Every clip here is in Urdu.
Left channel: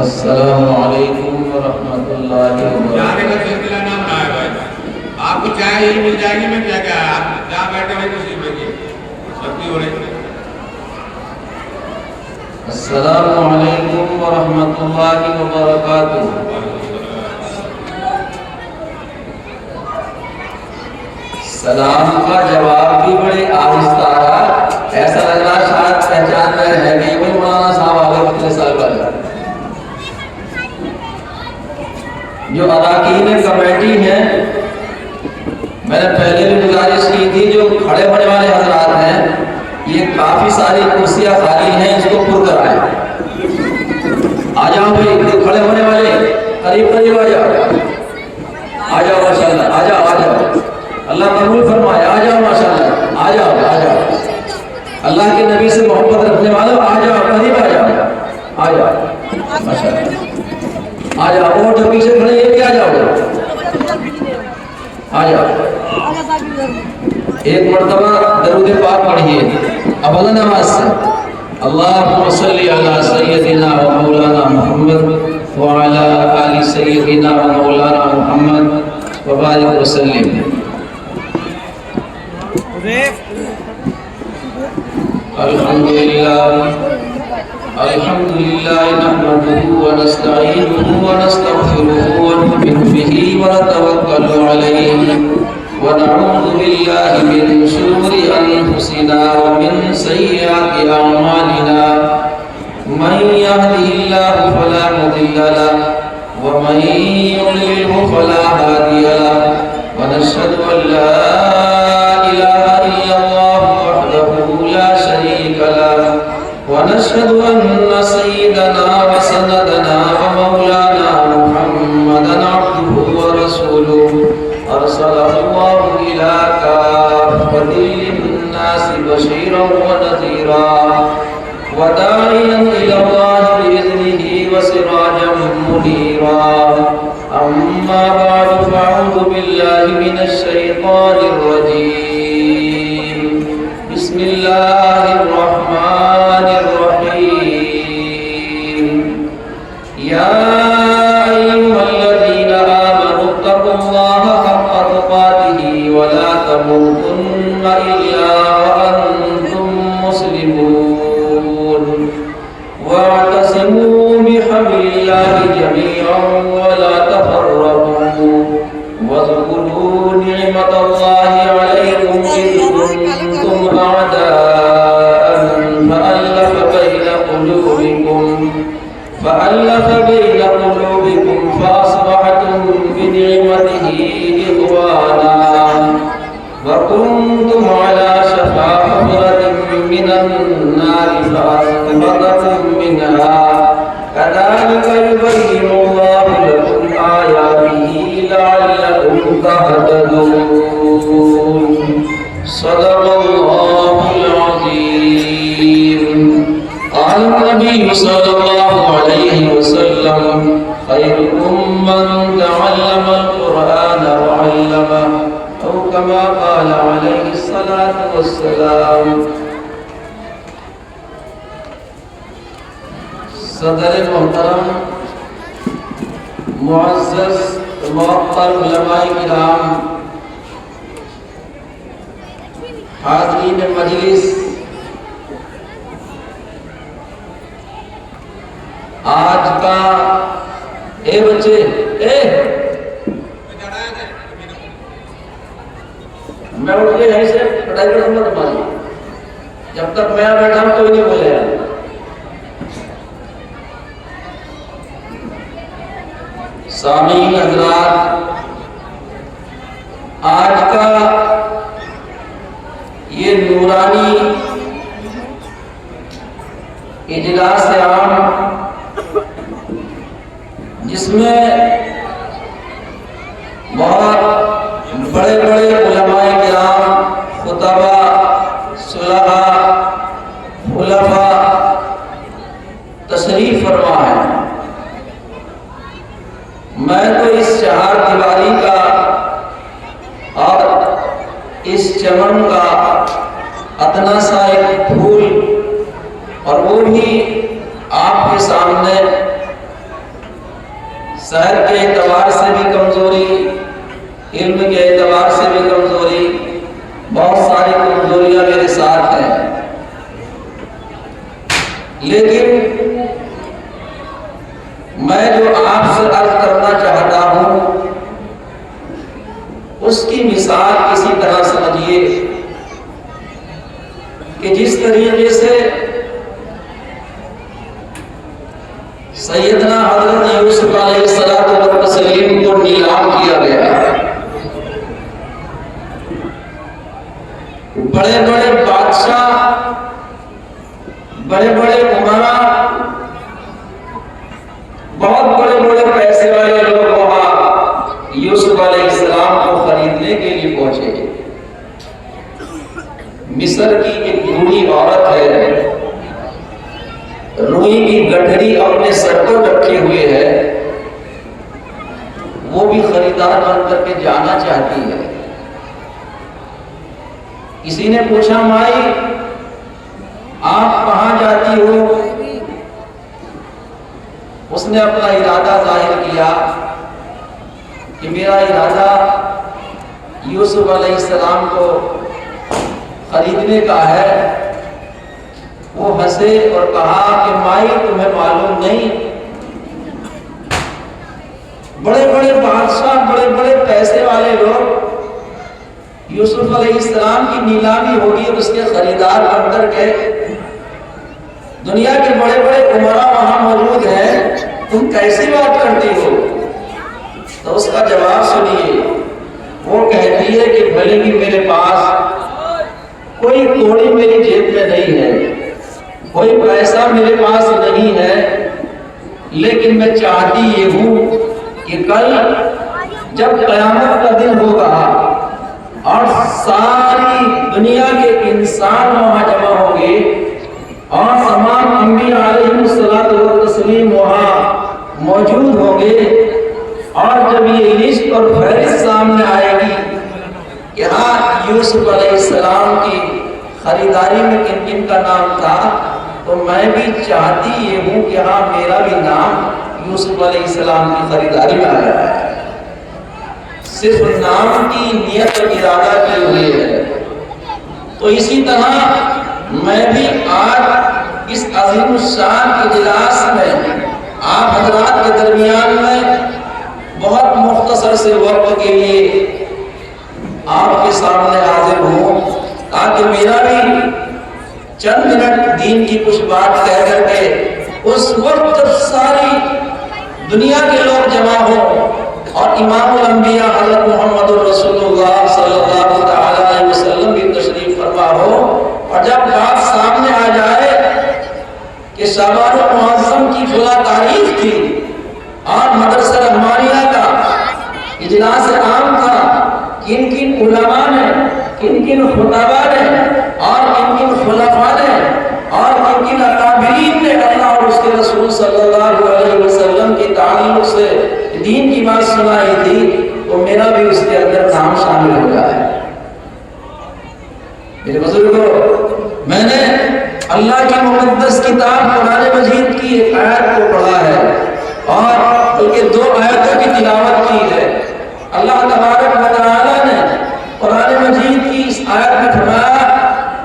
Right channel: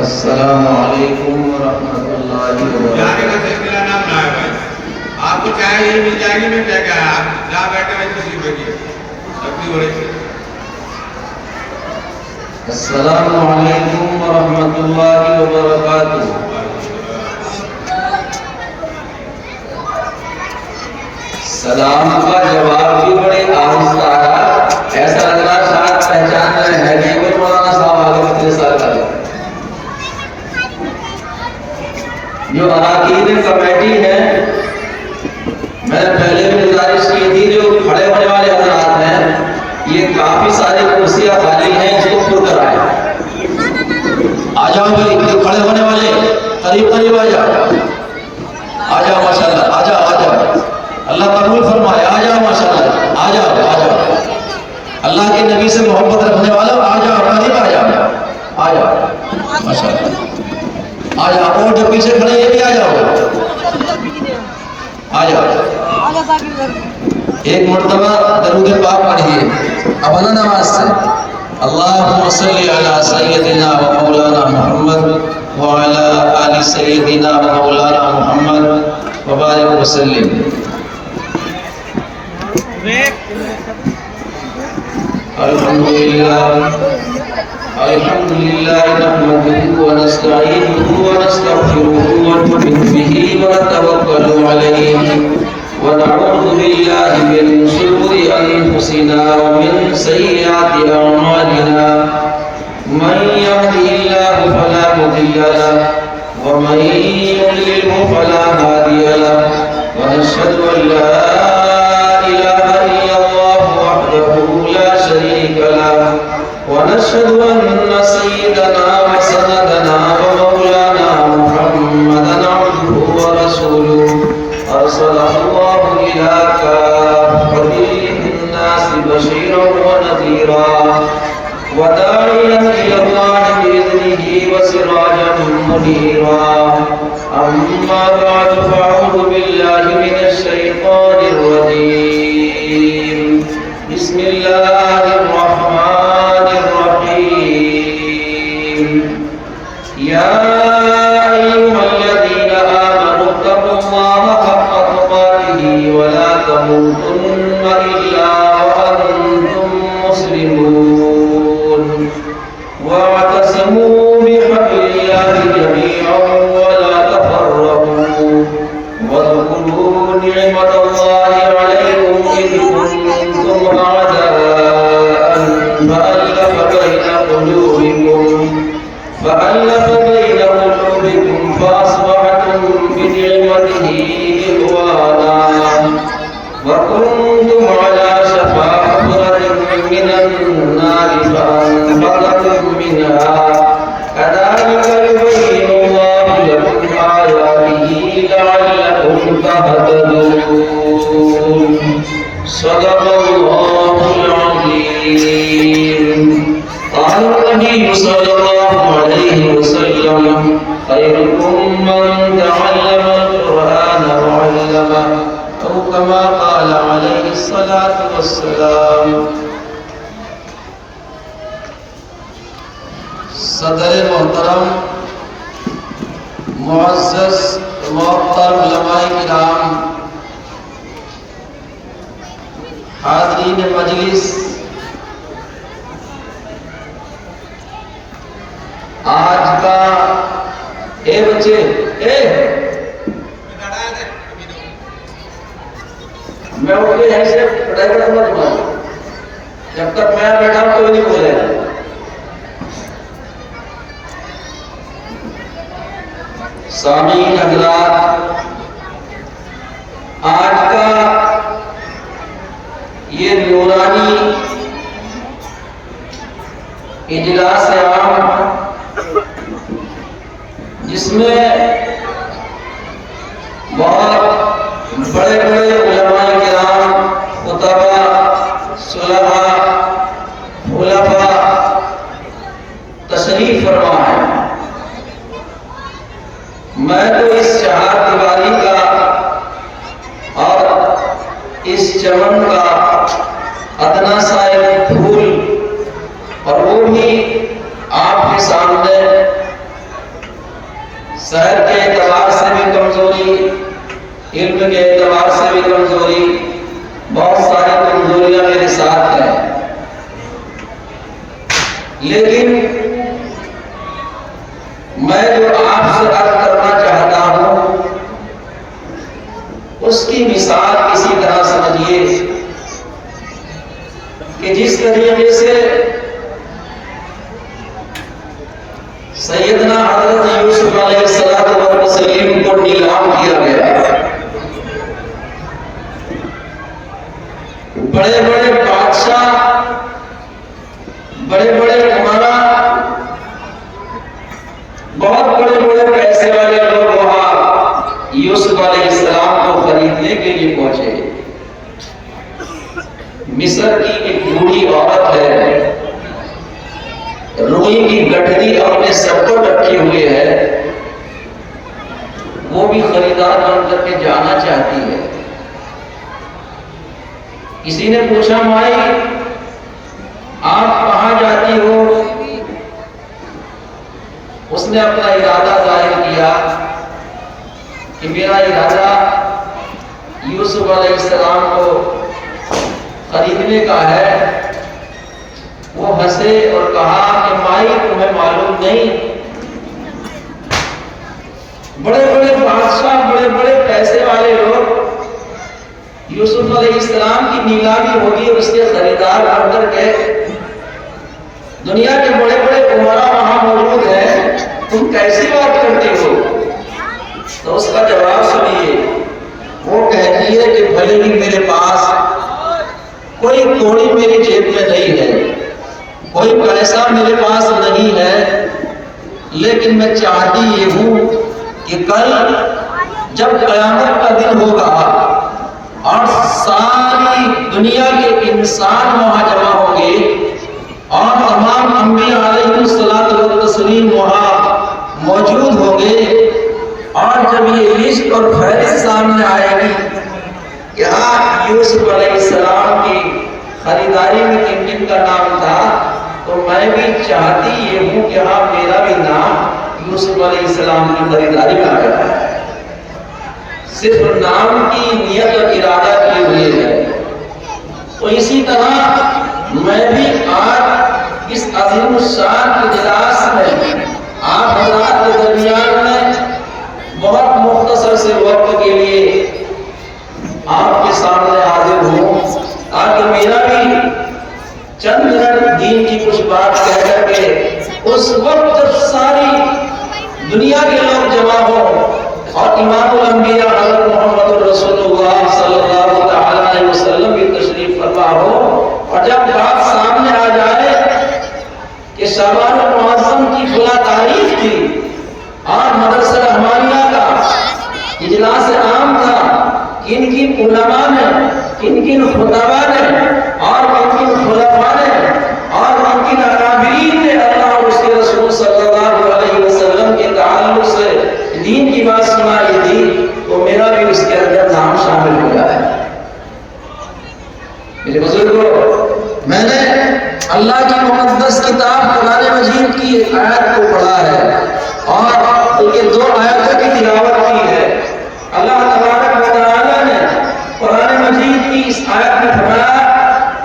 السلام علیکم ورحمۃ اللہ وبرکاتہ۔ آپ کو چاہے یہ مل جائے گی، میں کیا کہا ہے، آپ جہاں بیٹھے ہوئے کسی بیٹھیے اپنی ہو رہی۔ السلام علیکم ورحمۃ اللہ وبرکاتہ۔ سلام کا جواب بھی بڑی آہستہ ہے، ایسا لگ رہا شاید پہچان رہے ہیں کہ کوئی مولانا صاحب آگے اتنے سال کر رہے ہیں۔ جو اراکین کمیٹی ہے، میں نے پہلے بھی گزارش کی تھی، جو کھڑے ہونے والے حضرات ہیں، یہ کافی ساری کرسیاں خالی ہیں، اس کو پر کرائیں۔ آ جاؤ بھی کھڑے ہونے والے، قریب قریب آ جاؤ، آ جاؤ ماشاءاللہ، آ جاؤ آ جاؤ، اللہ قبول فرمائے، آ جاؤ ماشاءاللہ، آ جاؤ آ جاؤ، اللہ کے نبی سے محبت رکھنے والوں آ جاؤ، قریب آ جاؤ، آ جاؤ ماشاءاللہ، آ جاؤ، اور جو پیچھے کھڑے یہ بھی آ جاؤ، آ جاؤ۔ ایک مرتبہ درود پاک پڑھیے اب اللہ نماز سے، اللہم صلی علی سیدنا و مولانا محمد وعلی آل سیدنا و مولانا محمد وبارک وسلم۔ الحمدللہ نحمده ونستعینه ونستغفره ونؤمن به ونتوکل علیہ ونعوذ باللہ من شرور انفسنا ومن سیئات اعمالنا، من یهده اللہ فلا مضل له ومن یضلل فلا ہادی له، ونشهد ان لا الہ الا اللہ وحدہ لا شریک له، ونشهد ان سیدنا وسندنا ومولانا محمدا عبده ورسوله ارسلہ اللہ الى کافۃ للناس بشیرا ونذیرا وداعیا الی اللہ باذنہ وسراجا منیرا، اما بعد فاعوذ باللہ من الشیطان الرجیم، بسم اللہ الرحمن الرحیم، یا ایھا الذین آمنوا اتقوا اللہ حق تقاتہ ولا تموتن الا وانتم مسلمون، واعتصموا بحبل اللہ جميعا ولا تفرقوا، واذكروا نعمة الله عليكم إذ كنتم أعداء فألف بين قلوبكم فأصبحتم بنعمته إخوانا، وكنتم على شفا حفرة من النار فأنقذكم منها، كذلك يبين الله لكم آياته لعلكم تهتدون، صدق اللہ العظیم۔ قال النبي صلى الله عليه وسلم خيركم من تعلم القرآن وعلمه، أو كما قال عليه الصلاة والسلام۔ صدر محترم، معزز معطر علماء کرام، حاضرین مجلس، آج کا بچے میں اٹھ کے یہیں سے پڑھائی کروں گا تمہاری، جب تک میں بیٹھا ہوں کوئی نہیں بولے گا۔ سامعین حضرات، آج کا یہ نورانی اجلاس عام، جس میں بہت بڑے بڑے علماء کرام، خطباء، صلحاء، خلفاء تشریف فرما ہے، میں تو اس چہار دیواری کا اور اس چمن کا ادنا سا ایک پھول، اور وہ بھی کی آپ کے سامنے صحت کے اعتبار سے بھی کمزوری، علم کے اعتبار سے بھی کمزوری، بہت ساری کمزوریاں میرے ساتھ ہیں، لیکن میں جو آپ سے عرض کرنا چاہتا ہوں اس کی مثال اسی طرح سمجھیے کہ جس طریقے سے سیدنا حضرت یوسف علیہ السلام کو نیلام کیا گیا، بڑے بڑے بادشاہ، بڑے بڑے عمرا، بہت بڑے بڑے پیسے والے لوگ وہاں یوسف علیہ السلام کو خریدنے کے لیے پہنچے۔ مصر کی ایک بوڑھی عورت ہے، روئی کی گٹھری اپنے سر کو رکھے ہوئے ہے، وہ بھی خریدار بن کر کے جانا چاہتی ہے۔ کسی نے پوچھا مائی آپ کہاں جاتی ہو؟ اس نے اپنا ارادہ ظاہر کیا کہ میرا ارادہ یوسف علیہ السلام کو خریدنے کا ہے۔ وہ ہنسے اور کہا کہ مائی تمہیں معلوم نہیں، بڑے بڑے بادشاہ، بڑے بڑے پیسے والے لوگ یوسف علیہ السلام کی نیلامی ہوگی، اس کے خریدار بن کر کے دنیا کے بڑے بڑے عمرا وہاں موجود ہیں، تم کیسی بات کرتے ہو؟ تو اس کا جواب سنیے، وہ کہتی ہے کہ بھلے ہی میرے پاس کوئی کوڑی میری جیب میں نہیں ہے، کوئی پیسہ میرے پاس نہیں ہے، لیکن میں چاہتی یہ ہوں کہ کل جب قیامت کا دن ہوگا اور ساری دنیا کے انسان وہاں جمع ہوں گے اور تمام انبیاء علیہ السلام وہاں موجود ہوں گے، اور جب یہ لسٹ اور فہرست سامنے آئے گی کہ ہاں یوسف علیہ السلام کی خریداری میں کن کن کا نام تھا، تو میں بھی چاہتی یہ ہوں کہ ہاں میرا بھی نام یوسف علیہ السلام کی خریداری میں آیا ہے۔ صرف نام کی نیت اور ارادہ کیے ہوئے ہے۔ تو اسی طرح میں بھی آج اس عظیم الشان اجلاس میں آپ حضرات کے درمیان میں بہت مختصر سے وقت کے لیے آپ کے سامنے حاضر ہوں، تاکہ میرا بھی چند منٹ دین کی کچھ بات کہہ کر کے اس وقت جب ساری دنیا کے لوگ جمع ہوں اور امام الانبیاء حضرت محمد رسول اللہ صلی اللہ تعالی علیہ وسلم بھی تشریف فرما ہو، اور جب بات سامنے آ جائے کہ شعبان المعظم کی فلاں تاریخ تھی اور مدرسہ رحمانیہ کا اجلاس عام تھا، کن کن علماء نے، کن کن خطباء نے اور کن کن خلفاء نے اور کن کن اکابرین نے اللہ اور اس کے رسول صلی اللہ علیہ وسلم کے تعلق سے دین کی بات سنائی تھی، تو میرا بھی اس کے اندر نام شامل ہو گیا ہے۔ میرے بزرگوں، میں نے اللہ کی مقدس کتاب قرآن مجید کی ایک آیت کو پڑھا ہے اور ان کے 2 آیتوں کی تلاوت کی ہے۔ اللہ تبارک و تعالی نے قرآن مجید کی اس آیت میں فرمایا،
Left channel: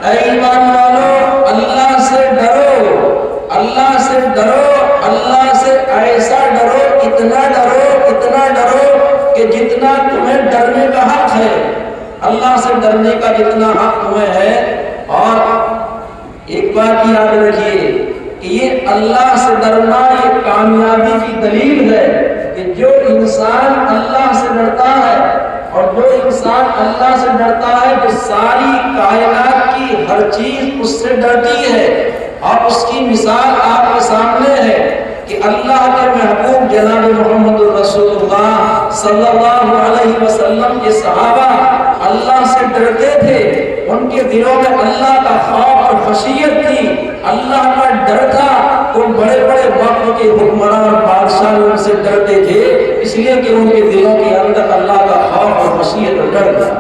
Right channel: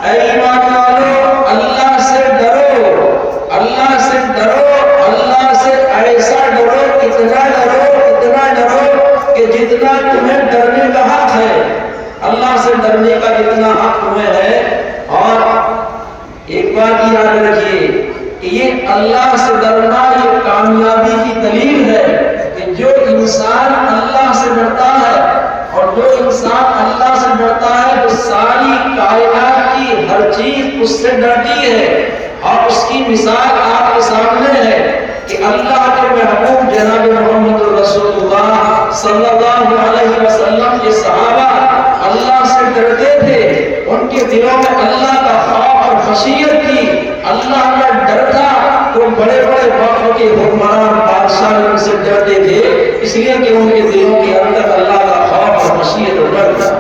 اے ایمان والو اللہ سے ڈرو، اللہ سے ڈرو، اللہ سے ایسا ڈرو، اتنا ڈرو، اتنا ڈرو کہ جتنا تمہیں ڈرنے کا حق ہے، اللہ سے ڈرنے کا جتنا حق تمہیں ہے۔ اور ایک بات یاد رکھیے کہ یہ اللہ سے ڈرنا یہ کامیابی کی دلیل ہے کہ جو انسان اللہ سے ڈرتا ہے اور جو انسان اللہ سے ڈرتا ہے وہ ساری کائنات کی ہر چیز اس سے ڈرتی ہے۔ اور اس کی مثال آپ کے سامنے ہے کہ اللہ کے محبوب جناب محمد رسول اللہ صلی اللہ علیہ وسلم کے صحابہ اللہ سے ڈرتے تھے، ان کے دلوں میں اللہ کا خوف اور خشیت تھی، اللہ کا ڈر تھا۔ وہ بڑے بڑے وقت کے حکمران اور بادشاہ ان سے ڈرتے تھے، اس لیے کہ ان کے دلوں کے اندر اللہ کا خوف اور خشیت اور ڈر تھا۔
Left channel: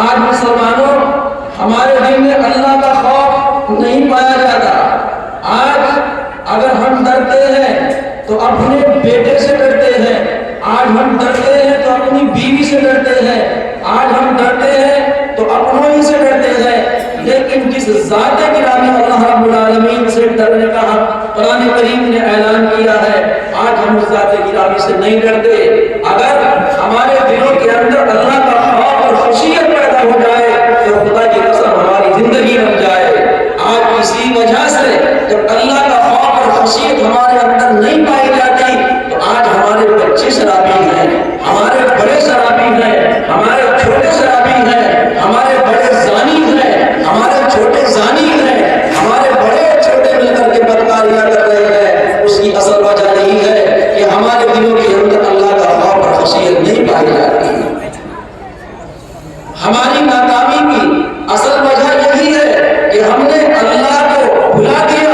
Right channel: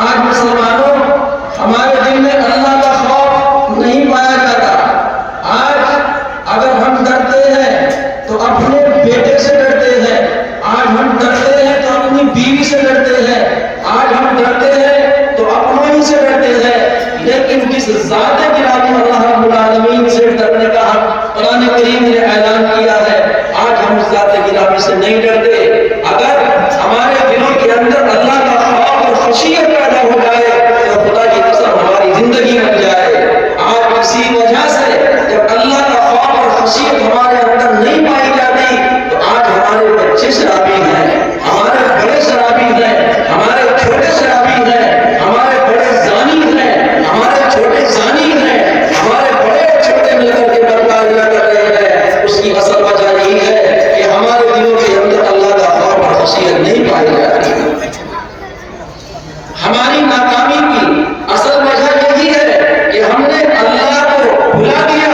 آج مسلمانوں ہمارے دل میں اللہ کا خوف نہیں پایا سے ڈرتے ہیں، آج ہم ڈرتے ہیں تو اپنوں ہی سے ڈرتے ہیں، لیکن جس ذات گرامی اللہ رب العالمین سے ڈرنے کا قرآن کریم نے اعلان کیا ہے، آج ہم اس ذات گرامی سے نہیں ڈرتے۔ اگر ہمارے دلوں کے اندر اللہ کا خوف اور خشیت پیدا ہو جائے تو خدا کی قسم ہماری زندگی بن جائے۔ آج اسی وجہ سے جب اللہ کا خوف اور خشیت ہمارے اندر نہیں پائی جاتی تو آج ہمارے بچے شرابی ہیں، ہمارے بڑے شرابی ہیں، ہمارے چھوٹے شرابی ہیں، ہمارے بڑے زانی ہیں، ہمارے چھوٹے زانی ہیں، ہمارے بڑے چھوٹے مل کر کے بدکاریاں کر رہے ہیں۔ اس کی اصل وجہ یہی ہے کہ ہمارے دلوں کے اندر اللہ کا خوف اور خشیت نہیں پائی جاتی۔ ہماری ناکامی کی اصل وجہ یہی ہے کہ ہم نے اللہ کو بھلا دیا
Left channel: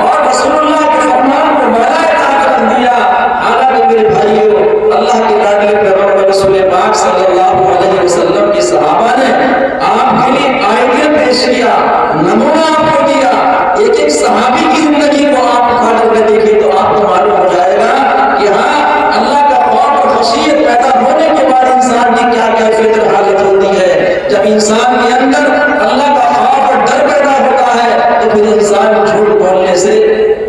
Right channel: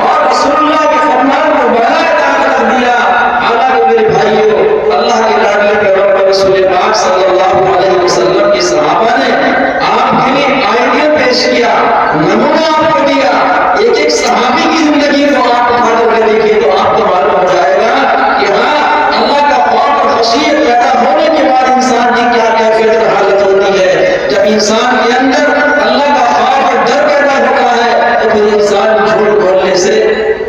اور رسول اللہ کے فرمان کو بغیر طاقت رکھ دیا۔ حالانکہ میرے بھائیوں، اللہ کے لاڈلے پیغمبر رسول پاک صلی اللہ علیہ وسلم کے صحابہ نے آپ کے لیے آئیڈیا پیش کیا، نمونہ آپ کو دیا۔ ایک ایک صحابی کی زندگی کو آپ اٹھا کر کے دیکھیے تو آپ کو معلوم ہو جائے گا کہ ہاں، اللہ کا خوف اور خشیت پیدا ہونے کے بعد انسان کی کیا کیفیت اور حالت ہوتی ہے۔ جب انسان کے اندر اللہ کا خوف اور ڈر پیدا ہوتا ہے تو پھر انسان جھوٹ بولنے سے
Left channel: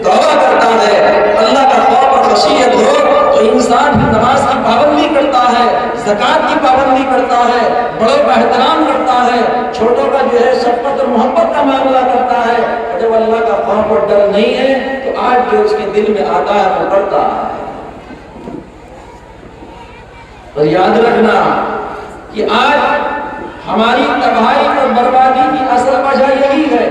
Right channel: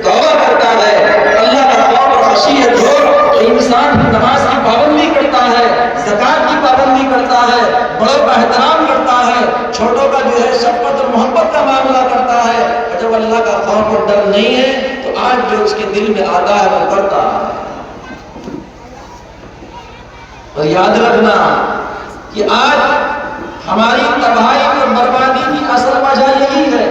توبہ کرتا ہے۔ اللہ کا خوف اور خشیت ہو تو انسان نماز کی پابندی کرتا ہے، زکوٰۃ کی پابندی کرتا ہے، بڑوں کا احترام کرتا ہے، چھوٹوں کا جو ہے شفقت اور محبت کا معاملہ کرتا ہے۔ جب اللہ کا خوف اور ڈر نہیں ہے تو آج جو اس کے دل میں آتا ہے وہ کرتا ہے۔ اور یاد رکھنا کہ آج ہماری تباہی اور بربادی کی اصل وجہ یہی ہے۔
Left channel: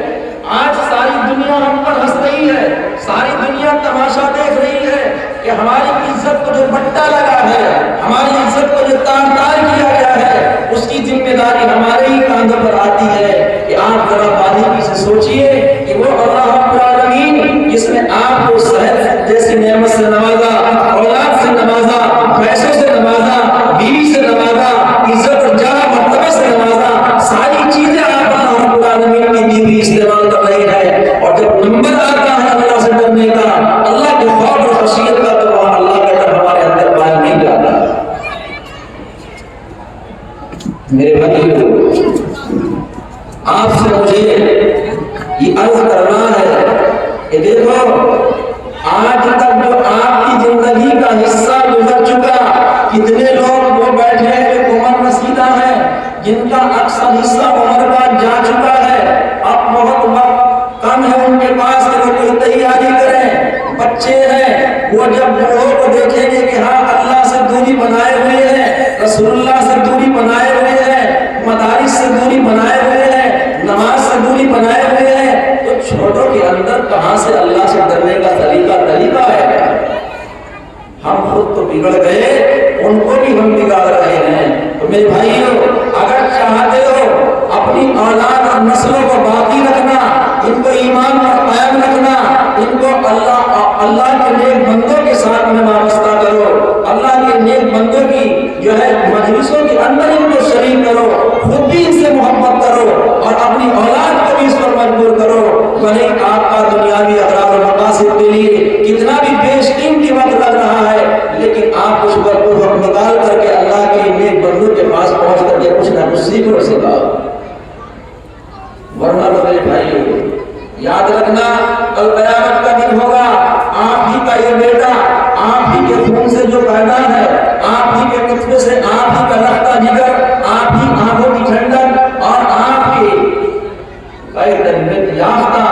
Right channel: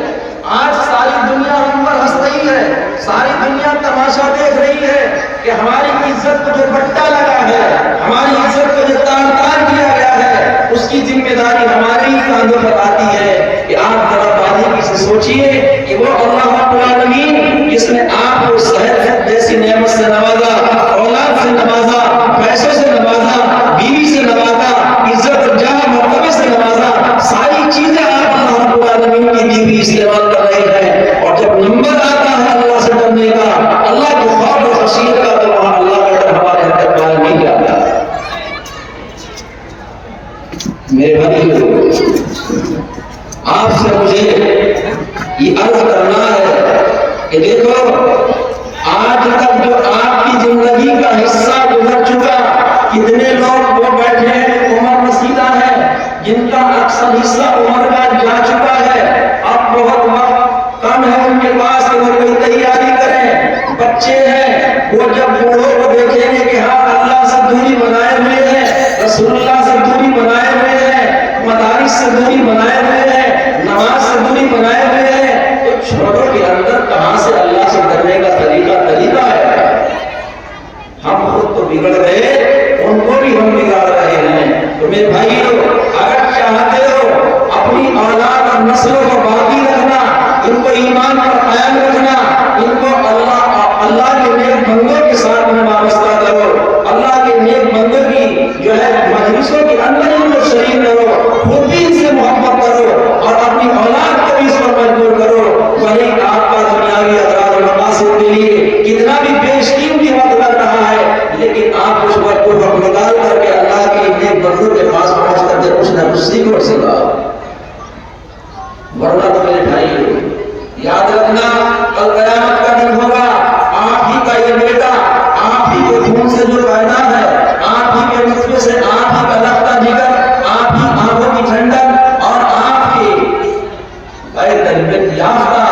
آج ساری دنیا ہم پر ہنس رہی ہے، ساری دنیا تماشا دیکھ رہی ہے کہ ہماری عزت کو جو بٹا لگا ہے، ہماری عزت کو جو تار تار کیا گیا ہے، اس کی ذمہ داری ہمارے ہی کاندھوں پر آتی ہے۔ کہ آپ ذرا باریکی سے سوچئے کہ وہ اللہ رب العالمین جس نے آپ کو صحت جیسی نعمت سے نوازا، اولاد سے نوازا، پیسوں سے نوازا، بیوی سے نوازا، عزت اور جاہ مرتبہ سے نوازا، ساری چیزیں آپ اللہ رب العالمین کی دی ہوئی استعمال کر رہے ہیں، اور جب نمبر آتا ہے اللہ سے ڈرنے کا، اللہ کے خوف اور خشیت کا، تو وہاں اللہ کا ڈر ہمارے اندر قائم نہیں جاتا۔ میرے بھائیو، آپ سے مجھے یہ عرض کرنا ہے کہ دیکھو، آج تک جو آپ کی زندگی کا حصہ گزر چکا، کتنے لوگ وہ بیٹھے ہیں جو عمر رسیدہ ہیں، جن کا اکثر حصہ عمر کا جا چکا ہے، اب بہت وقت کم ہے ان کے پاس کہ وہ کوئی تیاری کریں۔ بچے ہیں، وہ جب بوڑھوں کو دیکھیں گے کہ ہاں اللہ سے دوری بنائے ہوئے ہیں، رسول اللہ سے دوری بنائے ہوئے ہیں، مدارس سے دوری بنائے ہوئے ہیں، نماز سے دوری بنائے ہوئے ہیں، تو چھوٹوں کے اندر کہاں سے اللہ سے ڈرنے کا طریقہ ہے؟ ہم خود تو بگڑ گئے، ان کو بھی ہم بگاڑ رہے ہیں۔ تو میرے بھائیو، اگر چاہتے ہو اپنی اولاد اور نسلوں کو باقی رکھنا، ان کو ایمان پر قائم رکھنا، ان کو اللہ کے نیک بندوں کے ساتھ میں وابستہ کرو، اللہ کے نیک بندوں کی جو ہے مجلسوں کے اندر ان کو شریک کرو، خود بھی ان سے محبت کرو اور اپنی اولاد کو بھی اس پر مجبور کرو۔ وہی آپ کا دنیاوی اغراض و مقاصد کے لیے کتنا بھی بیش قیمتی وقت لگ رہا ہے، لیکن آپ اس وقت کو ہم نکال کر کے اللہ کے نیک بندوں کے پاس پہنچ کر کے کچھ نہ کچھ سیکھو سکھا، ورنہ تو میرے بھائی یاد رکھنا، کل قیامت کا دن ہوگا، آپ ہی کا یہ بیٹا، آپ ہی کے خون سے جو پیدا ہے، آپ ہی کے نطفے سے، آپ ہی کا لگتا جگر، آپ ہی آنکھوں کی ٹھنڈک اور آپ کے تربیت یافتہ،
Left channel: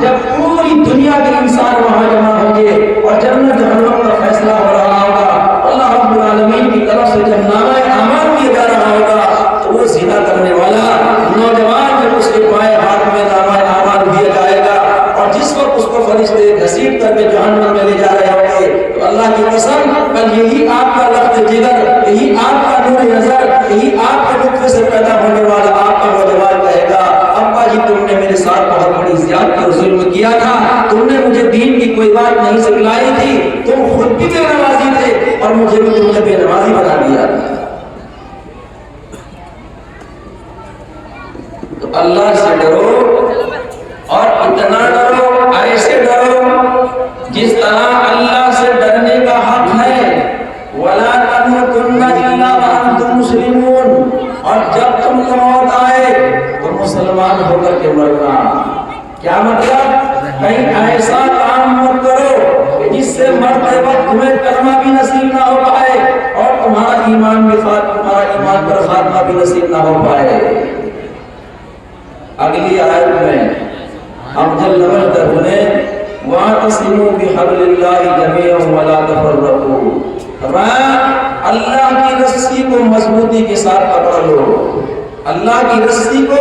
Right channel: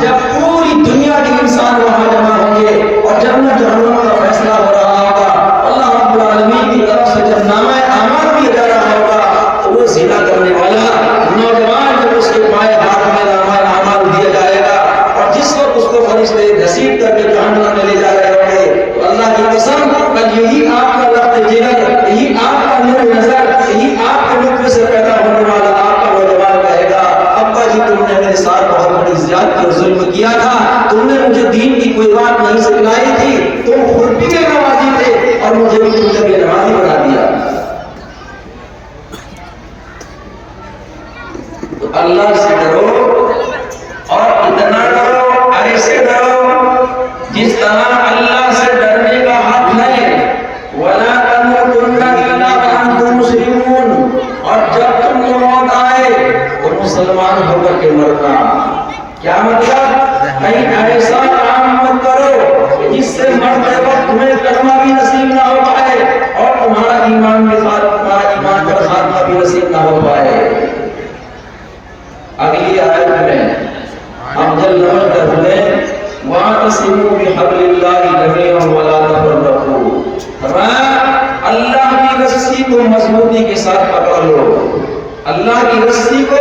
جب پوری دنیا کے انسان وہاں جمع ہوں گے اور جنت جہنم کا فیصلہ ہو رہا ہوگا، اللہ رب العالمین کی طرف سے جب نامہ اعمال دیا جا رہا ہوگا، تو وہ زنا کرنے والا نوجوان جب اس کے پائے ہاتھ میں نامہ اعمال دیا جائے گا، اور جس وقت اس کو فرشتے گھسیٹ کر کے جہنم میں لے جا رہے ہوں گے، تو اللہ کی قسم کل یہی آپ کا لفظ جگر، یہی آپ کا نور نظر، یہی آپ کے نطفے سے پیدا ہونے والا آپ کا نوجوان کہے گا، ابا جی تم نے میرے ساتھ بہت بڑی زیادتی اور ظلم کیا تھا، تم نے مجھے دین کی کوئی بات نہیں سکھلائی تھی، تم خود بھی بے نمازی تھے اور مجھے بھی تم نے بے نمازی بنا دیا۔ تو اللہ سے ڈرو اور اتنا ڈرو، ایسے ڈرو جس طرح اللہ سے ڈرنے کا حق ہے۔ وَلَا تَمُوتُنَّ إِلَّا وَأَنْتُم مُسْلِمُونَ مطلب کہیں ایسا کام مت کرو جس سے مرتے وقت تمہیں کلمہ بھی نصیب نہ ہو پائے اور تمہارا ایمان کے ساتھ تمہارا ایمان کا خاتمہ بھی نصیب نہ ہو پائے۔ اگلی آیت میں ہم جل نمبر کرنے وَاعْتَصِمُوا بِحَبْلِ اللَّهِ جَمِيعًا وَلَا تَفَرَّقُوا، فرمایا اللہ کی رسی کو مضبوطی کے ساتھ پکڑ لو، اللہ کی رسی کو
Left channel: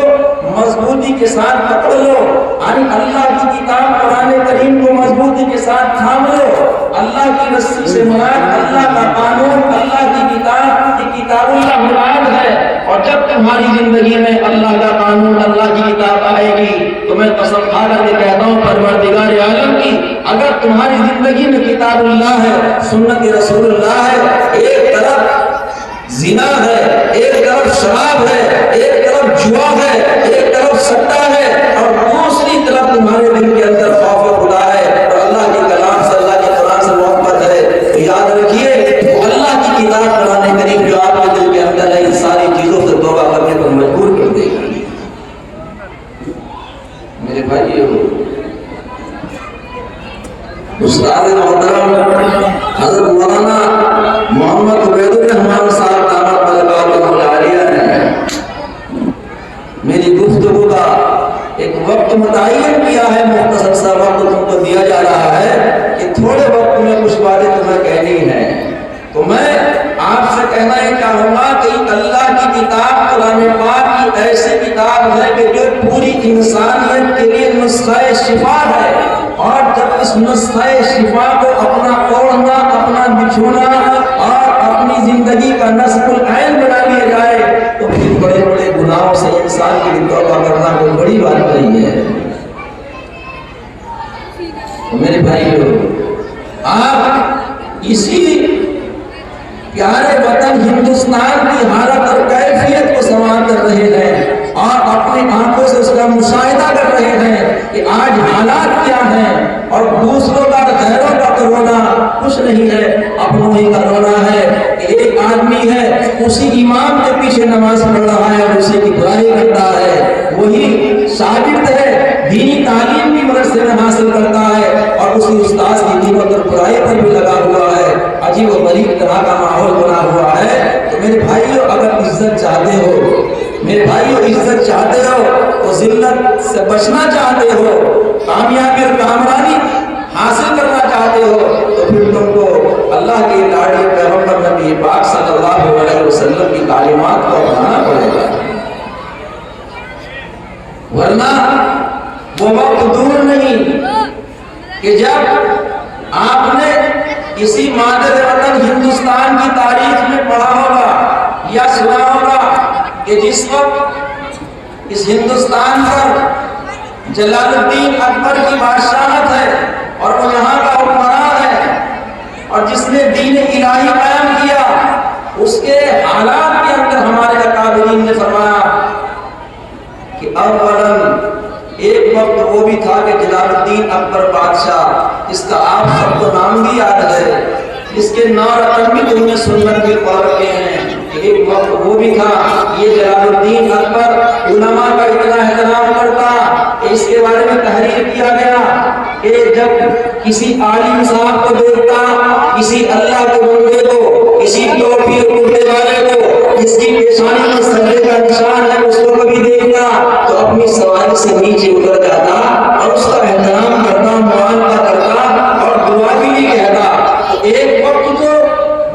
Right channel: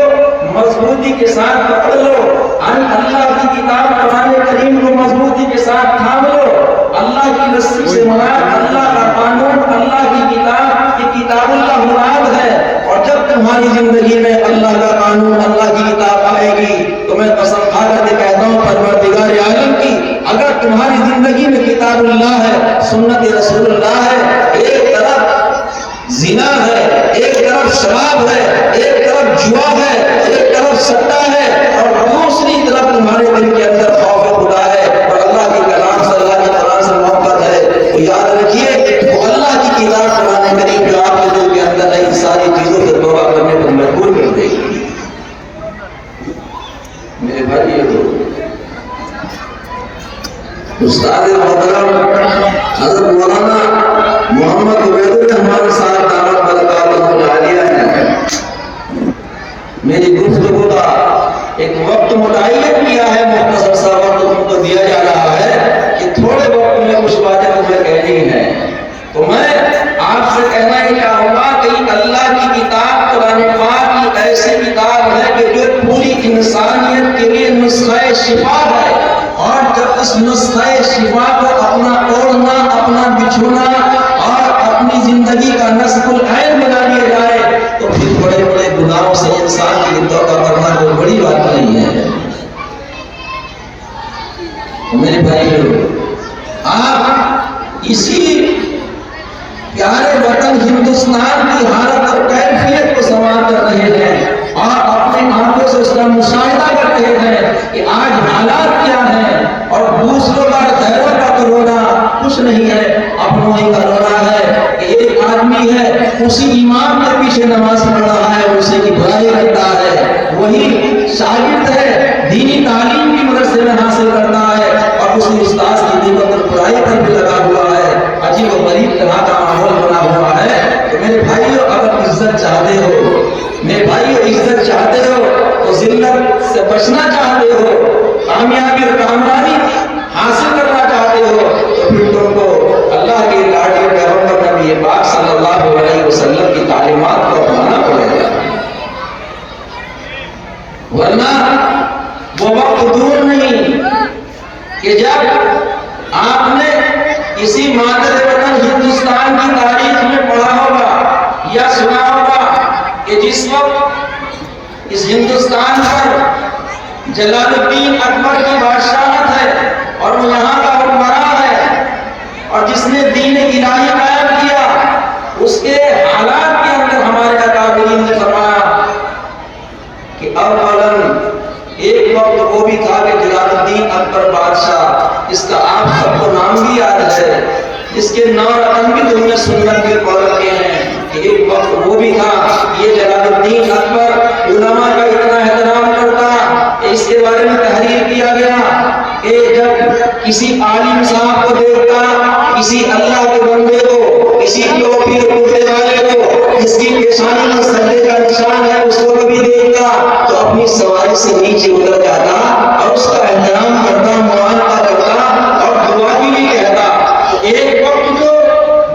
مضبوطی کے ساتھ پکڑ لو، یعنی اللہ کی کتاب قرآن کریم کو مضبوطی کے ساتھ تھام لو۔ اللہ کی رسی سے مراد اللہ کا قانون، اللہ کی کتاب اللہ مراد ہے۔ اور جب تمہاری زندگی میں اللہ کا قانون، اللہ کی کتاب آئے گی تو میں قسم کھا کر کے کہتا ہوں پروردگار عالم کی، اگر تمہاری زندگی میں کتاب اللہ ہے، سنت رسول اللہ ہے، ایک طرف زنا ہے، ایک طرف شراب ہے، ایک طرف جوا ہے، ایک طرف سٹا ہے، اور دوسری طرف تمہارے دل کے اندر خوف خدا ہے اور اللہ کے کلام سے، اللہ کے قرآن سے محبت ہے، تو یاد رکھیے وہ اللہ کی کتاب قرآن کریم جو آپ کے دل کے اندر ہے، ان ساری چیزوں سے توبہ کرنے کو مجبور کر دے گی۔ میرے بھائی استاد محترم حضرت مولانا محمد عبید الرحمان صاحب دامت برکاتہ عالیہ نے میری گفتگو کا ایک وقت متعین کیا ہے، مختصر سا وقت تم کو دیا جا رہا ہے کہ تھوڑے وقت میں کچھ باتیں تمہیں کہنی ہیں، تو میں آپ سے کہنا یہ چاہوں گا کہ اللہ کی کتاب قرآن پاک کی ایسی کتاب ہے کہ جو پوری انسانیت کے لیے نسخہ شفا ہے، اور جب اس نسخہ شفا کو اپنا اوڑھنا، اپنا بچھونا اور اپنی زندگی کا نصب العین بنا لیا جائے تو پھر بڑے بڑے گناہوں سے انسان کے لیے توبہ کرنا کوئی بڑی بات نہیں ہے۔ میرے بھائیو، آپ اسی پیارے وطن ہندوستان کی حالت اور کیفیت کو سماع کر رہے ہیں، آپ اپنی آنکھوں سے اس کا مشاہدہ کر رہے ہیں کہ آج حالات کیا ہیں، اور دوسروں کا غیروں کا کرونا کچھ نہیں ہے، اپنوں ہی کرونا ہے کہ ایک آدمی ہے اسی امام کے پیچھے نماز پڑھ رہا ہے، اسی کی برائی کرتا ہے، وہی شاگرد ہے دینی تعلیم کی مدرسے میں حاصل کرتا ہے اور اسی استاذ کی دیوار پر برائی پر بھی لگا ہوا ہے، عجیب و غریب طرح کا ماحول بنا ہوا ہے۔ تو میرے بھائیو، اگر عزت چاہتے ہو، میرے بھائیو عزت چاہتے ہو تو ذلت سے بچنا چاہتے ہو، کامیابی اور کامرانی حاصل کرنا چاہتے ہو تو پھر تم کو اللہ کے لاڈلے پیغمبر نبی پاک صلی اللہ علیہ وسلم کی تعلیمات کو اپنانا پڑے گا، ورنہ وہ وقت دور نہیں کہ جب آپ نے کسی مادر وطن ہندوستان کی تاریخ میں پڑھا ہوگا یا سنا ہوگا کہ جس وقت اس ہندوستان پر جلال الدین اکبر کی بادشاہت ہے اور وہ یہاں کا حکمران ہے، اور جس نے دین الہی قائم کیا، اس کے حالات کے اندر ہمارے اکابرین نے فرمایا کہ اولاً ایک وقت وہ بھی تھا کہ جلال الدین اکبر بادشاہ، اس کا آپ سب کو نام بھی یاد ہے، اس کے نام بھی تم نے سنت کے پڑھ رکھے ہیں کہ ایک وقت وہ بھی تھا، یہ جلال الدین اکبر علماء کا اتنا احترام کرتا کہ اس کے بارے میں تحریر کیا گیا کہ جب کسی عالم صاحب کو دیکھتا، کسی اللہ کے بندے کو، کسی ٹوپی اور کرتے والے کو، جس کی پیشانی میں سجدے کا نشان ہے، اس کو کبھی دیکھتا تو اپنی سواری سے نیچے اتر جاتا اور اس کا احترام کرتا، معاملہ کرتا اور دعا بھی کہتا۔ تو ایک وقت جو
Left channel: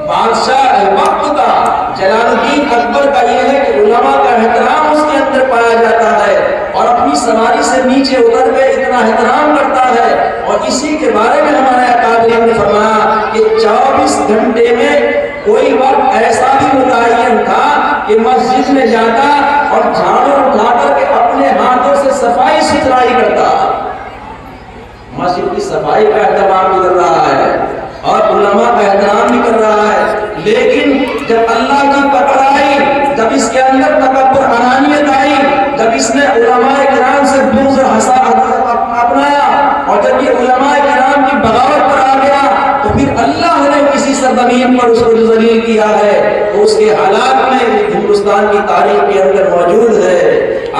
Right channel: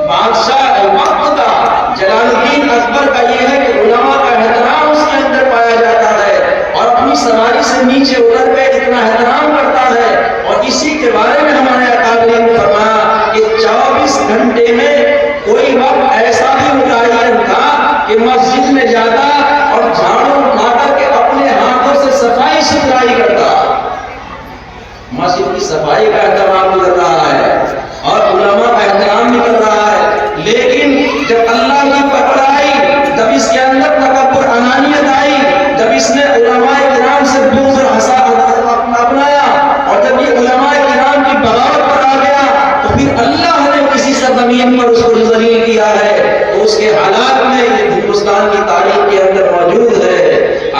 بادشاہ وقت کا جلال الدین اکبر کا یہ ہے کہ علماء کا احترام اس کے اندر پایا جاتا ہے اور اپنی سواری سے نیچے اتر کے اتنا احترام کرتا ہے، اور اسی کے بارے میں ہمارے اکابرین نے فرمایا کہ 24 گھنٹے میں کوئی وقت ایسا بھی متعین تھا کہ مسجد میں جاتا اور جھاڑو اٹھا کر کے اپنے ہاتھوں سے صفائی ستھرائی کرتا، مسجد کی صفائی کا اہتمام بھی کر رہا ہے اور علماء کا احترام بھی کر رہا ہے، لیکن جب اللہ کی پکڑ آئی، جب اس کے اندر تکبر انانیت آئی، جب اس نے علماء کرام سے بغض اپنایا اور جب یہ علماء کرام کی بغاوت پر آ گیا تو پھر اللہ نے کسی سرزمین پر اس کو ذلیل کیا ہے، تو اس کے حالات میں ہندوستان کی تاریخ کے اندر موجود ہے۔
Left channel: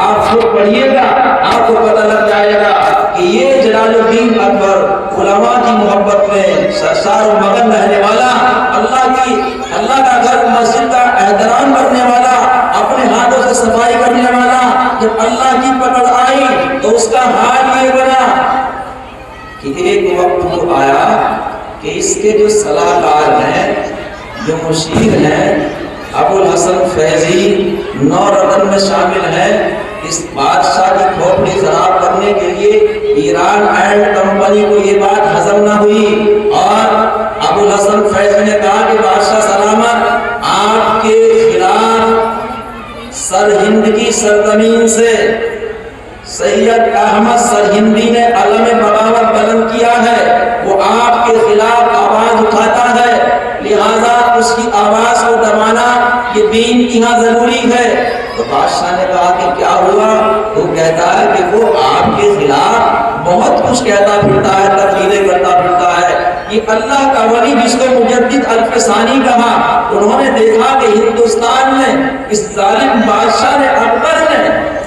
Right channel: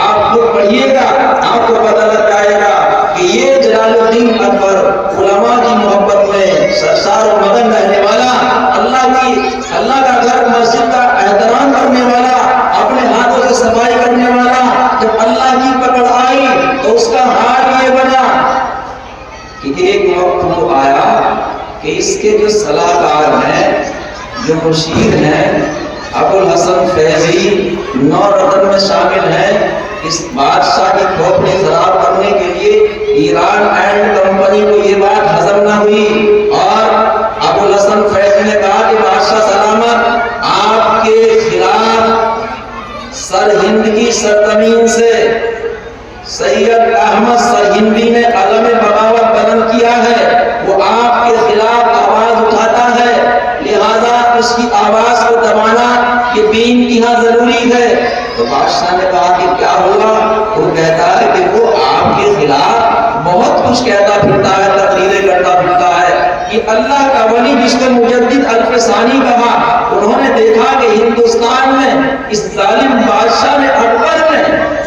آپ کو پڑھیے گا، آپ کو پتہ لگ جائے گا کہ یہ جلال الدین اکبر علماء کی محبت میں سرشار و مگن رہنے والا، اللہ کا گھر مسجد کا احترام کرنے والا، اپنے ہاتھوں سے صفائی کرنے والا، جب اللہ کی پکڑ آئی تو اس کا حال یہ بنا کہ ایک وقت وہ آیا کہ اس کے جو صلاحکار ہیں، جو مشیر ہیں، ابو الحسن فیضی 9 رتن میں شامل ہیں، اس بادشاہ کی کھوپڑی خراب کرنے کے لیے ایران اینڈ کمپنی کو یہ بات ہضم نہ ہوئی، اور ابو الحسن فیضی نے کہا کہ بادشاہ سلامت، آپ کے خلاف سرہند کی سرزمین سے سید احمد سرہندی نے علم بغاوت بلند کیا ہے، وہ آپ کے خلاف آواز اٹھاتا ہے، لہذا اس کی آواز کو دبانا یہ بھی انتہا ضروری ہے۔ تو بادشاہ نے کہا کہ کیا ہوا؟ وہ کہتا ہے کہ وہ آپ کے خلاف بہت کچھ کہتا پھرتا ہے، تقریریں کرتا پھرتا ہے۔ یہ اللہ کا ولی جس کو مجدد الفسانی کہا، انہوں نے دیکھا کہ ہندوستان میں اس ظالم بادشاہ نے اکبر نے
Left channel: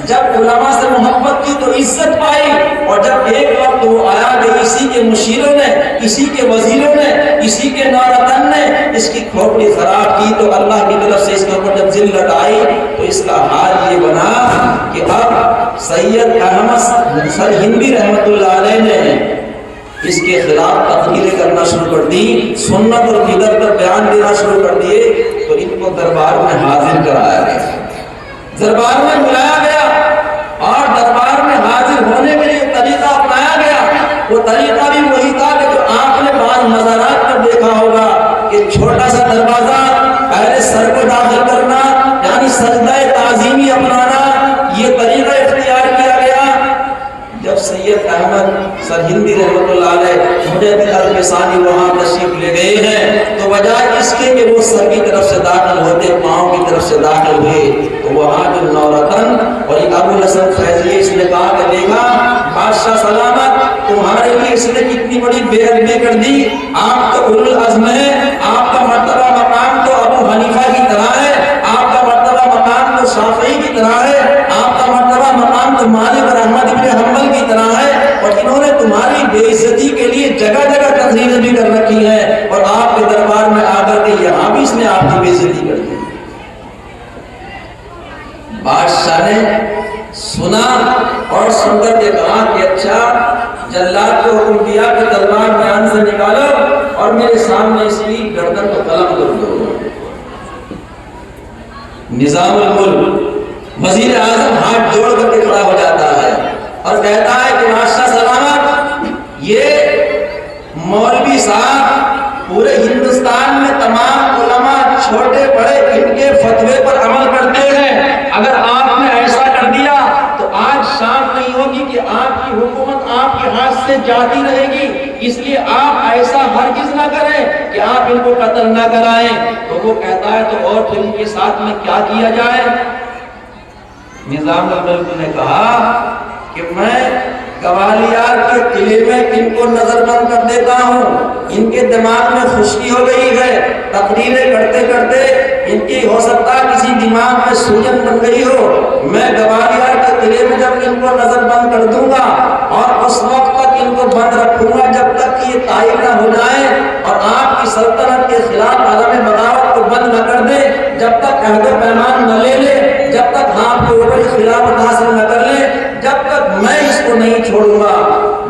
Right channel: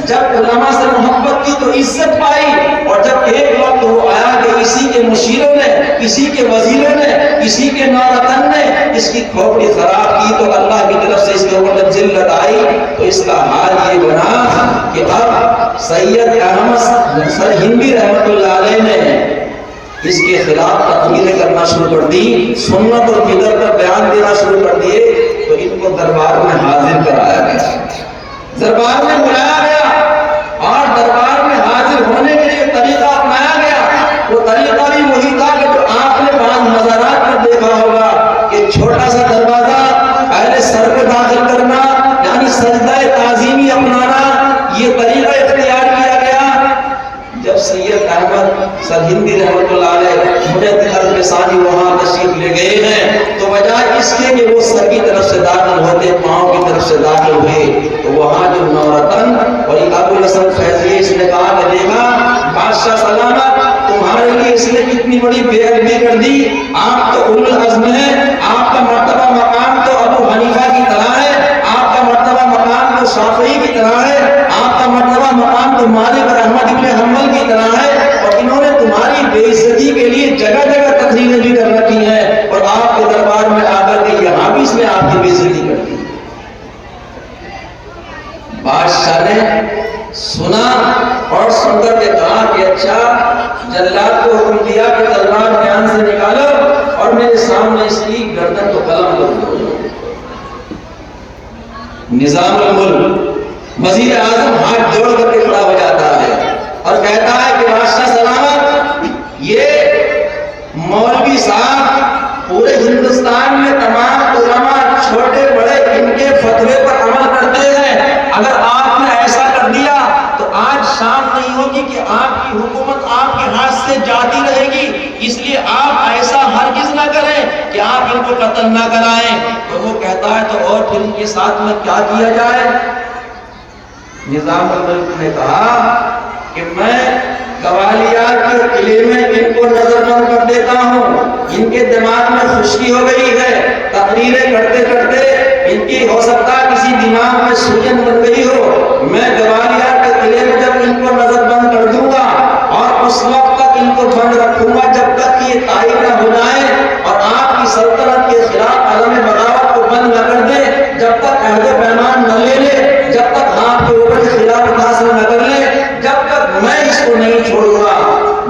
جب علماء سے محبت کی تو عزت پائی، اور جب ایک وقت وہ آیا کہ اسی کے مشیروں نے، اسی کے وزیروں نے، اسی کے نورتن نے اس کی کھوپڑی خراب کی تو اللہ کی طرف سے اس کے اوپر جب ذلت آئی تو اس کا حال یہ بنا کہ اب سید احمد سرہندی رحمت اللہ علیہ نے اس کے خلاف تقریریں کرنا شروع کر دی، سنت اور بدعت پر بیان دینا شروع کر دیے، تو ان کو دربار میں حاضر کرایا گیا، دربار میں بلایا گیا، اور دربار میں حاضر ہونے کے لیے طریقہ اپنایا گیا۔ وہ طریقہ بھی وہی تھا کہ جو آپ نے بعض مزارات پر دیکھا ہوگا کہ چھوٹا سا دروازہ، پہلے سر کو داخل کرنا، یعنی سجدہ تعظیمی اپنانا، یہ طریقہ اختیار کیا گیا۔ جب سید احمد سرہندی رحمۃ اللہ علیہ مجدد الفسانی وہاں تشریف لے گئے ہیں تو بجائے اس کے کہ وہ سر کی طرف سے داخل ہوتے پاؤں کی طرف سے داخل ہوئے تو وہاں جو نورتن اور ابو الحسن فیضی اس نے کہا کہ دیکھا بادشاہ سلامت، تمہارے لیے اس نے کتنی بڑی بے ادبی کر دی، آپ تو اولو العزم ہیں، آپ کا مرتبہ مقام تو ابو حنیفہ کی طرح ہے، آپ کا مرتبہ مقام تو شافعی کی طرح ہے، آپ کا مرتبہ مقام تو مالک اور احمد ابن حنبل کی طرح ہے، اور انہوں نے تمہاری بے عزتی کے لیے جگہ جگہ تقریریں بھی کر رکھی ہیں، اور آپ کے دربار میں آ کر کے یہاں بھی اس نے آپ کی بے عزتی کر دی۔ بادشاہ نے سنا اور سن کر کے کہا کہ اچھا، جلاد کو حکم دیا کہ تلوار میان سے نکالو اور میرے سامنے اس کی گردن کو قلم کر دو۔ نظام الملک وزیر اعظم ہاتھ جوڑ کر کے کھڑا ہو جاتا ہے اور کہتا ہے کہ بادشاہ سلامت، یہ مولوی صاحب پورے ہندوستان میں تمام علماء چھوٹے بڑے ان کے فتوے پر عمل کرتے ہیں، اگر آپ نے ایسا کر دیا تو آج شام نہیں ہوگی کہ آپ کی حکومت آپ کے ہاتھ سے جاتی رہے گی، اس لیے آپ ایسا ہرگز نہ کریں کہ آپ ان کو قتل نہ کرائیں۔ تو وہ کہتا ہے تو اور پھر ان کے ساتھ میں کیا کیا جائے؟ نظام الملک نے کہا کہ میں گوالیار کے قلعے میں ان کو نظر بند کر دیتا ہوں، ان کے دماغ میں خشکی ہو گئی ہے، تقریریں کرتے کرتے ان کی ہو سکتا ہے کسی دماغ میں سوجن بن گئی ہو، میں گوالیار کے قلعے میں جب ان کو نظر بند کر دوں گا اور اس وقت تک ان کو بند رکھوں گا جب تک کہ یہ قائم نہ ہو جائے اور آپ کی سلطنت کے خلاف عدم بغاوت کو بند نہ کر دے، جب تک عہد و پیمان نہ لے لے، جب تک آپ کے اوپر خلافت حاصل نہ کر لے، جب تک میں اس کو نہیں چھوڑوں گا۔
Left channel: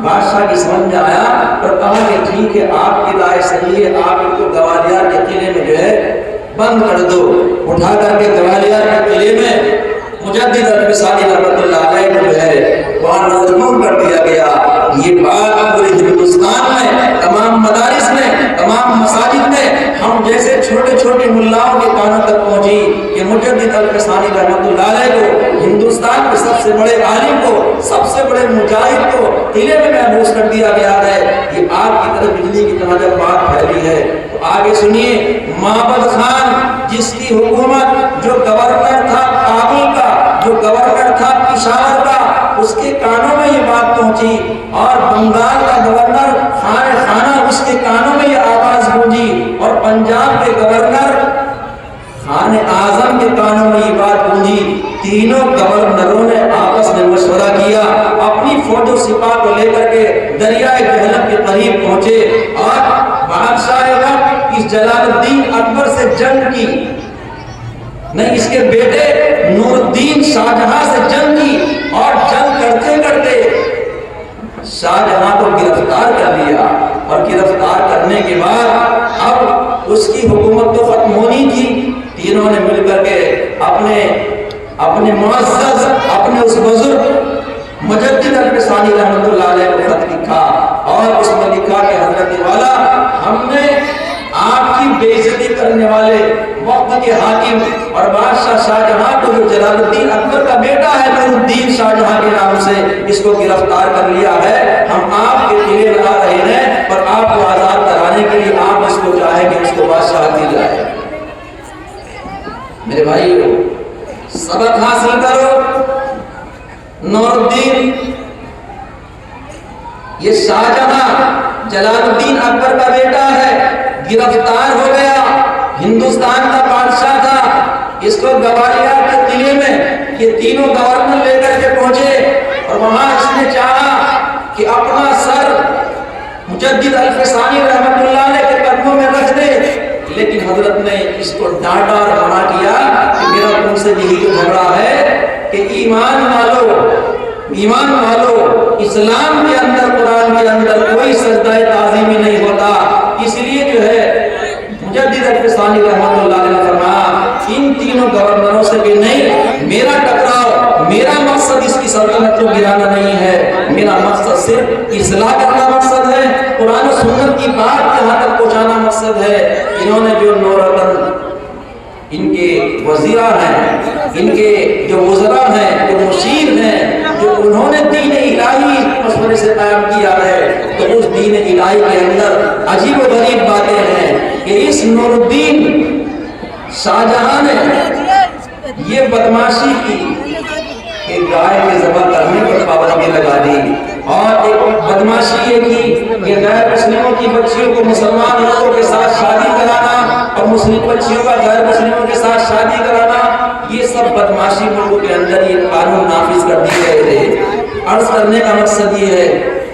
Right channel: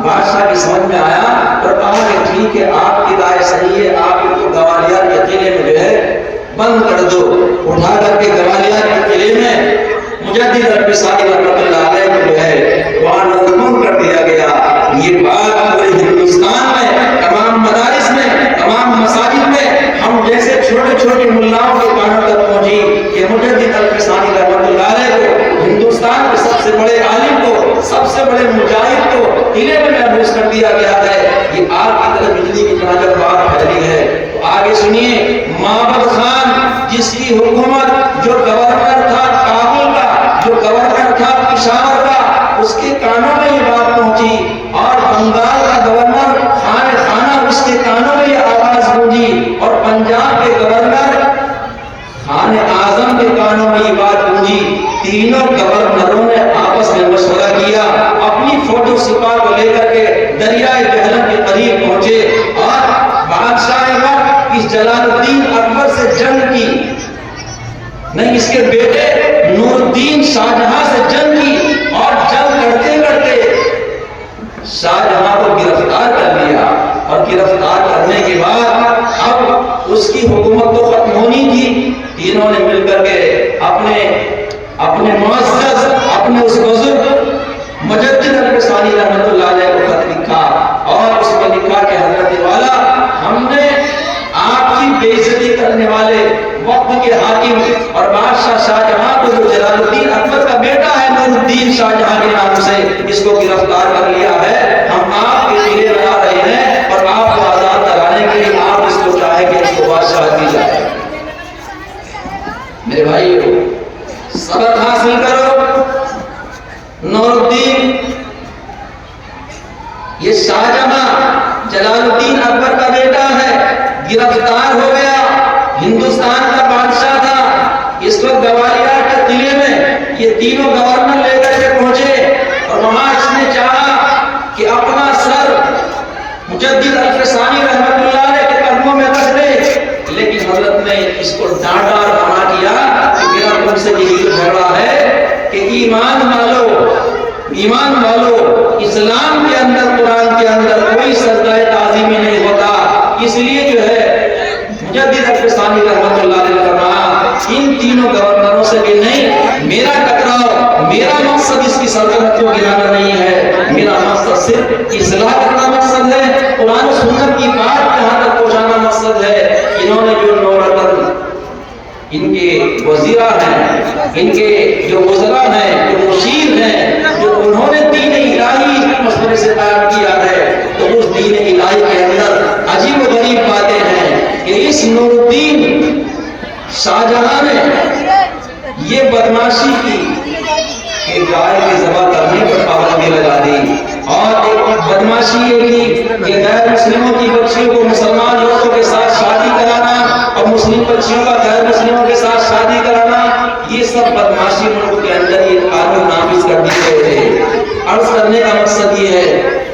بادشاہ کی سمجھ میں آیا اور کہا کہ ٹھیک ہے، آپ کی رائے صحیح ہے، آپ ان کو گوالیار کے قلعے میں جو ہے بند کر دو۔ اٹھا کر کے گوالیار کے قلعے میں مجدد الفسانی رحمۃ اللہ علیہ کو جو ہے وہاں نظربند کر دیا گیا۔ یہ بات پورے ہندوستان میں تمام مدارس میں تمام مساجد میں ہم جیسے چھوٹے چھوٹے ملاؤں کے کانوں تک پہنچی کہ مجدد الفسانی رحمۃ اللہ علیہ کو، ہندوستان کے سب سے بڑے عالم کو، سب سے بڑے مجاہد کو قلعے میں محبوس کر دیا گیا ہے۔ یہ آپ کی طرف بجلی کی طرح جب بات پھیلی ہے تو آگے سنیے، معبد خان جس کی حکومت، جو گورنر تھا کابل کا، جو گورنر تھا پشاور کا، اس کے کانوں میں یہ بات پہنچی، اور بنگال کا گورنر خانہ اس کے کانوں میں یہ آواز گونجی، اور پنجاب کے گورنر خان اعظم کے کانوں میں یہ بات گونجی۔ تینوں گورنروں نے آپس میں مشورہ کیا، اپنی فوج و سپاہ کو لے کر کے جہلم کے قریب پہنچے اور بادشاہ وقت اس جلال الدین اکبر سے جنگ کی، نہیں اس کے بیٹے نور الدین شاہ جہاں سے جنگ کی، اور جنگ کرتے کرتے شاہ جہاں کو گرفتار کر لیا، اور گرفتار کرنے کے بعد اب اس کی حکومت تو ختم ہونی تھی، تینوں نے مل کر کے اپنے معزز اپنے اس بزرگ مجدد الفسانی رحمۃ اللہ علیہ کو خط لکھا، اور اس میں لکھا کہ حضرت والا ہم نے آپ کی بے عزتی کرنے والے وقت کے حاکم اور بادشاہ شاہ جہاں کو جو جلال الدین اکبر کا بیٹا ہے نور الدین شاہ جہاں کے نام سے، اس کو گرفتار کر لیا ہے، ہم آپ کے لیے لگا رہے ہیں اور آپ کو آزاد کرانے کے لیے آپ اس کو چاہیں کہ اس کو بادشاہ دی جائے۔ میرے بھائیو سبق حاصل کرو، نور الدین یہ شاہ جہاں جلال الدین اکبر کا بیٹا ہے، گرفتار ہو گیا، ہندوستان کا بادشاہ تھا، اس کو گوالیار کے قلعے میں یہ تینوں گورنر لے کر کے پہنچے، اور وہاں اس نے چاہا کہ اپنا سر مجدد الفسانی رحمۃ اللہ علیہ کے قدموں میں رکھ دے، لیکن حضرت نے اس کو ڈانٹا اور منع کیا کہ میرا تم سے یہی تو جھگڑا ہے کہ ایمان والو اسلام کے اندر قرآن کے اندر کوئی سجدہ تعظیمی نہیں ہوتا، اس لیے جو ہے مجدد الفسانی رحمۃ اللہ علیہ نے فرمایا ان تینوں گورنروں سے کہ نہیں، میرا ٹکراؤ، میرا مقصد اس کی سلطنت کو گرانا نہیں ہے، میرا مقصد صرف اصلاح کرنا مقصد ہے، قرآن و سنت کی بات یہاں تک پہنچانا مقصد ہے۔ انہوں نے جو نورتن ان کے وزیرہ ہیں، ان کے جو وزراء ہیں، جو مشیر ہیں، جو انہوں نے دین الہی مشورے سے قائم کیا ہے، تو اس دین الہی کے اندر عجیب و غریب باتیں ہیں کہ اس نور الدین شاہ جہاں نے یہ بدماشی کی کہ گائے کے ذبح کرنے پر پابندی لگا دی، اور ایک بدماشی یہ کی کہ غیر مسلموں کی بچیوں کو مسلمان عورتوں کے ساتھ شادی کرانا اور مسلم بچیوں کا غیر مسلموں کے ساتھ شادی کرانا، یہ سب بدماشی ملک کے اندر یہ قانون نافذ کر دیے گئے تھے۔ عرض کرنے کا مقصد یہ ہے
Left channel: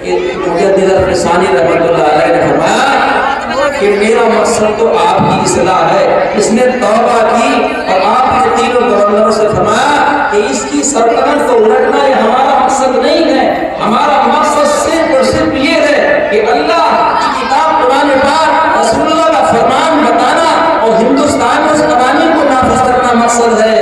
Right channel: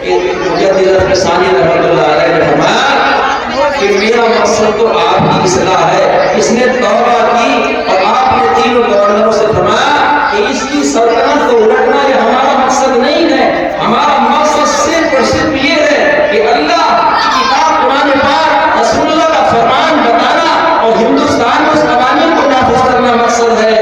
کہ مجدد الفسانی رحمۃ اللہ علیہ نے فرمایا کہ میرا مقصد تو آپ کی اصلاح ہے، اس نے توبہ کی اور آپ نے تینوں گورنروں سے فرمایا کہ اس کی سلطنت کو الٹنا یہ ہمارا مقصد نہیں ہے، ہمارا مقصد صرف اور صرف یہ ہے کہ اللہ کی کتاب قرآن پاک رسول اللہ کا فرمان بتانا اور ہندوستان میں اس قوانین کو نافذ کرنا مقصد ہے۔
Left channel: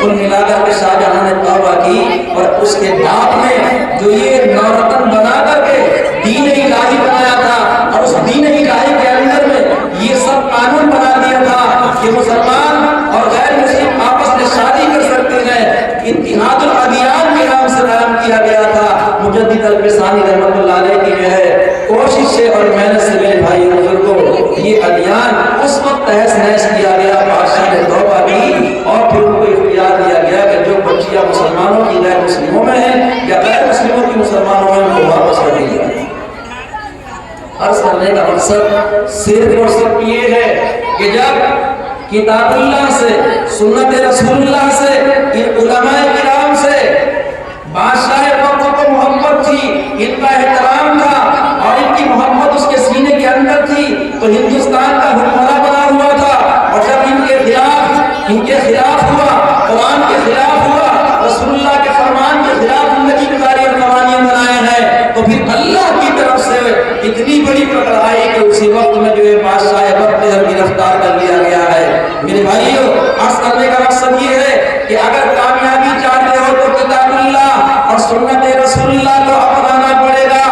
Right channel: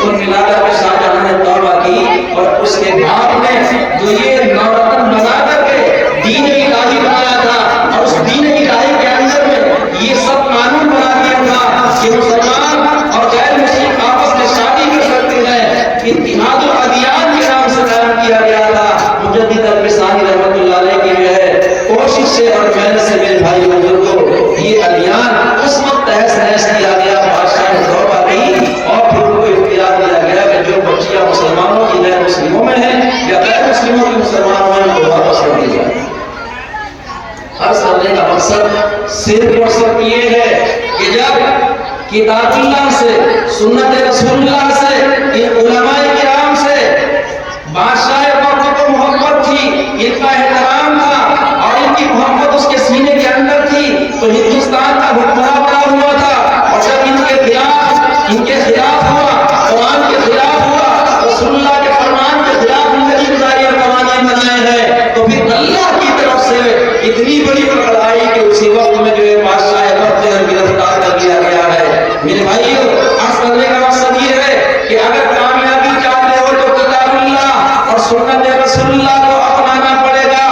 کل ملا کر کے شاہ جہاں نے توبہ کی اور اس کے باپ نے جو یہ نورتن بنا کر کے دین الہی بنایا تھا اور اس دین الہی کے اندر میں یہ سب قانون بنا دیا تھا کہ مسلمان اور غیر مسلم آپس میں شادی کر سکتے ہیں، اتحاد الادیان کے نام سے قائم کیا گیا تھا۔ مجدد الفسانی رحمۃ اللہ علیہ کی جو ہے کوشش سے اور محنت سے میرے بھائی بزرگوں یہ ادیان اس وقت تہس نہس کیا گیا، بادشاہ نے توبہ کی اور پھر ان کو اختیار دیا گیا کہ جو بچیاں مسلمانوں کی غیر مسلموں میں ہیں یا غیر مسلموں کی مسلمانوں میں ان کو واپس کر دی جائے۔ عرض کرنے کا مقصد صرف اور صرف یہ ہے کہ جب کتاب اللہ سے، سنت رسول اللہ سے، ان علماء کرام سے بادشاہ وقت کو محبت تھی، ان کا احترام تھا اور ان کی محبت اس کے سینے کے اندر تھی، تو ہندوستان کا حکمراں بنا ہوا تھا، اور جب ان کے خلاف ہوا، قرآن کے خلاف ہوا، رسول اللہ کے فرمان کے خلاف زندگی گزاری اور قوانین بنائے ہیں، تو پھر اللہ کی طرف سے اتنی بڑی پکڑ آئی کہ اسی وقت میں جو ہے بادشاہ وقت گرفتار کر لیا گیا ہے۔ میرے بھائیو عرض کرنے کا مقصد یہ ہے کہ اگر کامیابی چاہتے ہو تو کتاب اللہ اور سنت رسول اللہ کو اپنانا پڑے گا،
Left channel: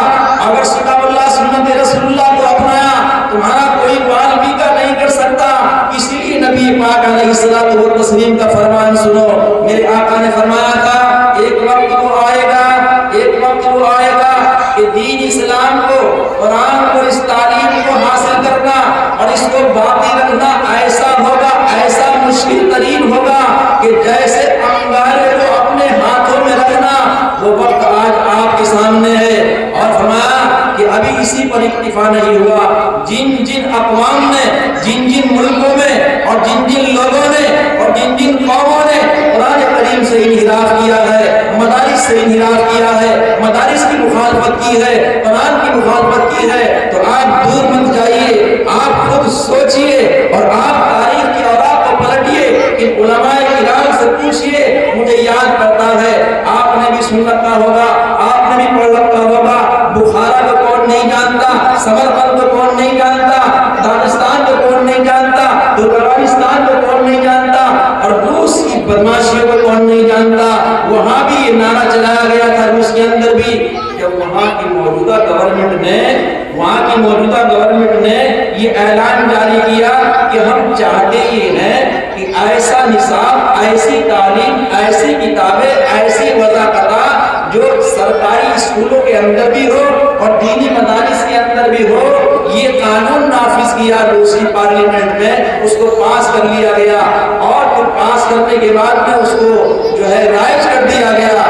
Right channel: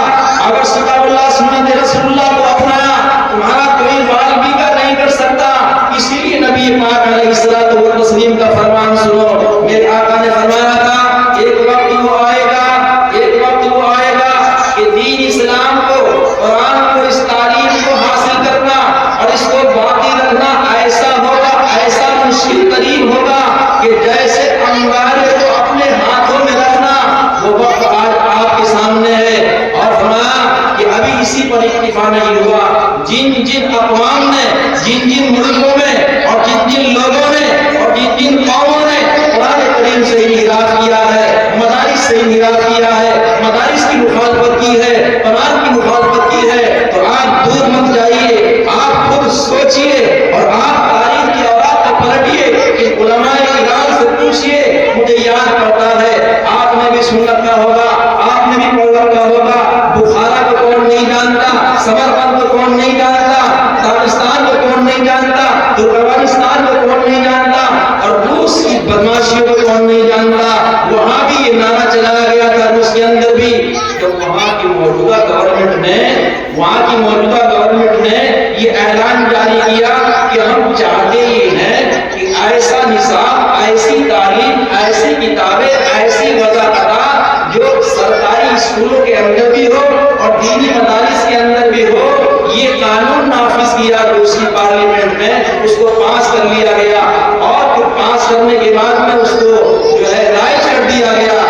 اگر کتاب اللہ سنت رسول اللہ کو اپنایا تمہارا کوئی بال بیگا نہیں کر سکتا۔ اسی لیے نبی پاک علیہ الصلوۃ والتسلیم کا فرمان سنو، میرے آقا نے فرمایا تھا ایک وقت وہ آئے گا کہ دین اسلام کو، قرآن کو، اس تعلیم کو حاصل کرنا اور اس کو باقی رکھنا ایسا ہوگا، ایسا مشکل ترین ہوگا کہ جیسے انگارے کو اپنے ہاتھوں میں رکھنا، وہ وقت آج آپ کے سامنے ہے۔ اور فرمایا کہ ابھی اسی پر اکتفا نہیں ہوا، جن جن اقوام نے، جن جن ملکوں میں اور جن جن لوگوں نے اور جن جن قوموں نے قرآن کریم سے انحراف کیا ہے، مدارس سے انحراف کیا ہے، مدارس کی مخالفت کی ہے، قرآن کی مخالفت کی ہے، تو آپ دور مت جائیے، آپ خود سوچئے اور آپ تاریخ کی اوراق کو پلٹیے کہ علماء کرام سے پوچھئے، مجھے یاد پڑتا ہے آپ نے بھی سن رکھا ہوگا، آپ نے بھی پڑھ رکھا ہوگا، بخارا کو کون نہیں جانتا، سمرقند کو کون نہیں جانتا، داغستان کو کون نہیں جانتا، ترکمانستان کو کون نہیں جانتا، اور روس کی بدماشیوں کو کون نہیں جانتا۔ وہاں بھی یہ نعرہ چلایا گیا تھا، روس کے اندر بھی، جب وہاں کی موجودہ گورنمنٹ نے یہ اعلان جاری کیا کہ ہم چاہتے یہ ہیں کہ ایسا نصاب، ایسی تعلیم، ایسی کتابیں، ایسی وضاحت جو سرکاری اسکولوں کے اندر بھی ہو اور دینی مدارس کے اندر بھی ہو، یہ قانون نافذ کیا روس کی پارلیمنٹ میں، اس کو پاس کر لیا گیا، اور پھر پاس کرنے کے بعد میں اس کو جو ہے رائج کر دیا گیا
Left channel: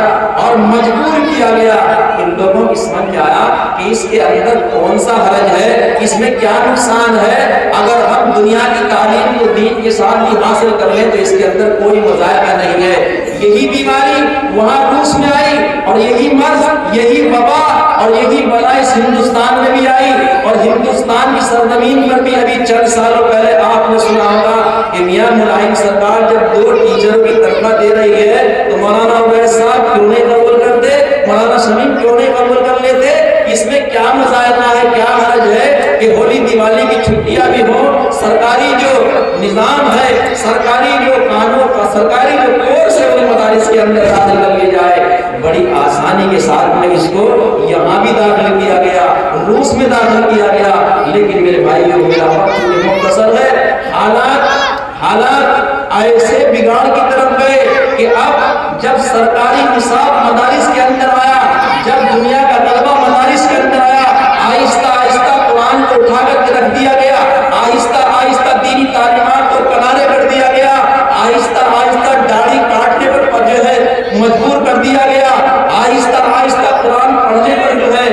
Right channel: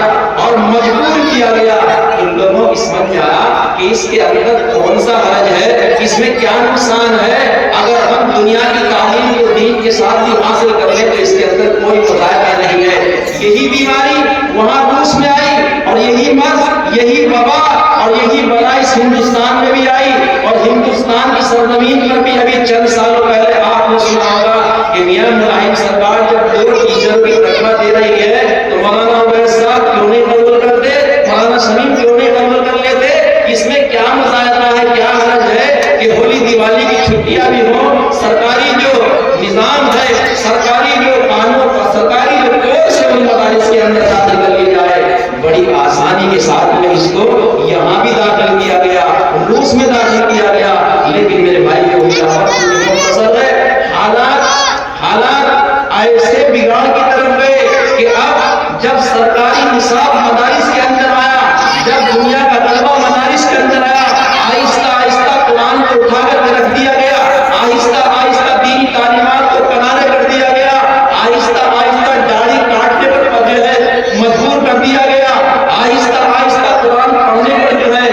اور مجبور کیا گیا۔ ان لوگوں کی سمجھ آیا کہ اس کے اندر کون سا حرج ہے، اس میں کیا نقصان ہے، اگر ہم دنیا کی تعلیم کو دین کے ساتھ بھی حاصل کر لیں تو اس کے اندر کوئی مذائقہ نہیں ہے۔ یہی بیماری وہاں روس میں آئی، اور یہی مرض، یہی وبا اور یہی بلا اس ہندوستان میں بھی آئی، اور ہندوستان کی سرزمین پر بھی ابھی چند سالوں پہلے آپ نے سنا ہوگا کہ میاں ملاحم سرکار جب 2 ٹیچروں کی تنخواہ دے رہی ہے تو مولانا عبید صاحب کیوں نہیں قبول کرتے، مولانا شمیم کیوں نہیں قبول کر لیتے؟ اس میں کیا مذائقہ ہے، کیا حرج ہے کہ ہولی دیوالی کی چھٹیاں بھی ہوں، سرکاری جو نظام ہے، سرکاری جو قانون اور سرکاری جو کورس ہے وہ مدارس کے اندر داخل کر لی جائے۔ بڑی آسانی کے ساتھ میں اس کو یہاں بھی داخل کیا گیا، روس میں داخل کیا گیا، لیکن میرے بھائیوں میرا وقت مختصر ہے، حالات ایسے بگاڑ کی طرف گئے کہ اب جب سرکاری نصاب مدارس کے اندر آیا، جب دنیا کا طلبہ مدارس کے اندر آیا، آہستہ آہستہ قرآن کو اٹھا کر رکھ دیا گیا، آہستہ آہستہ دینی تعلیمات کو کنارے کر دیا گیا، آہستہ آہستہ داڑھی کاٹنے پر جو ہے مجبور کر دیا گیا، آہستہ آہستہ قرآن پڑھنے پر جو ہے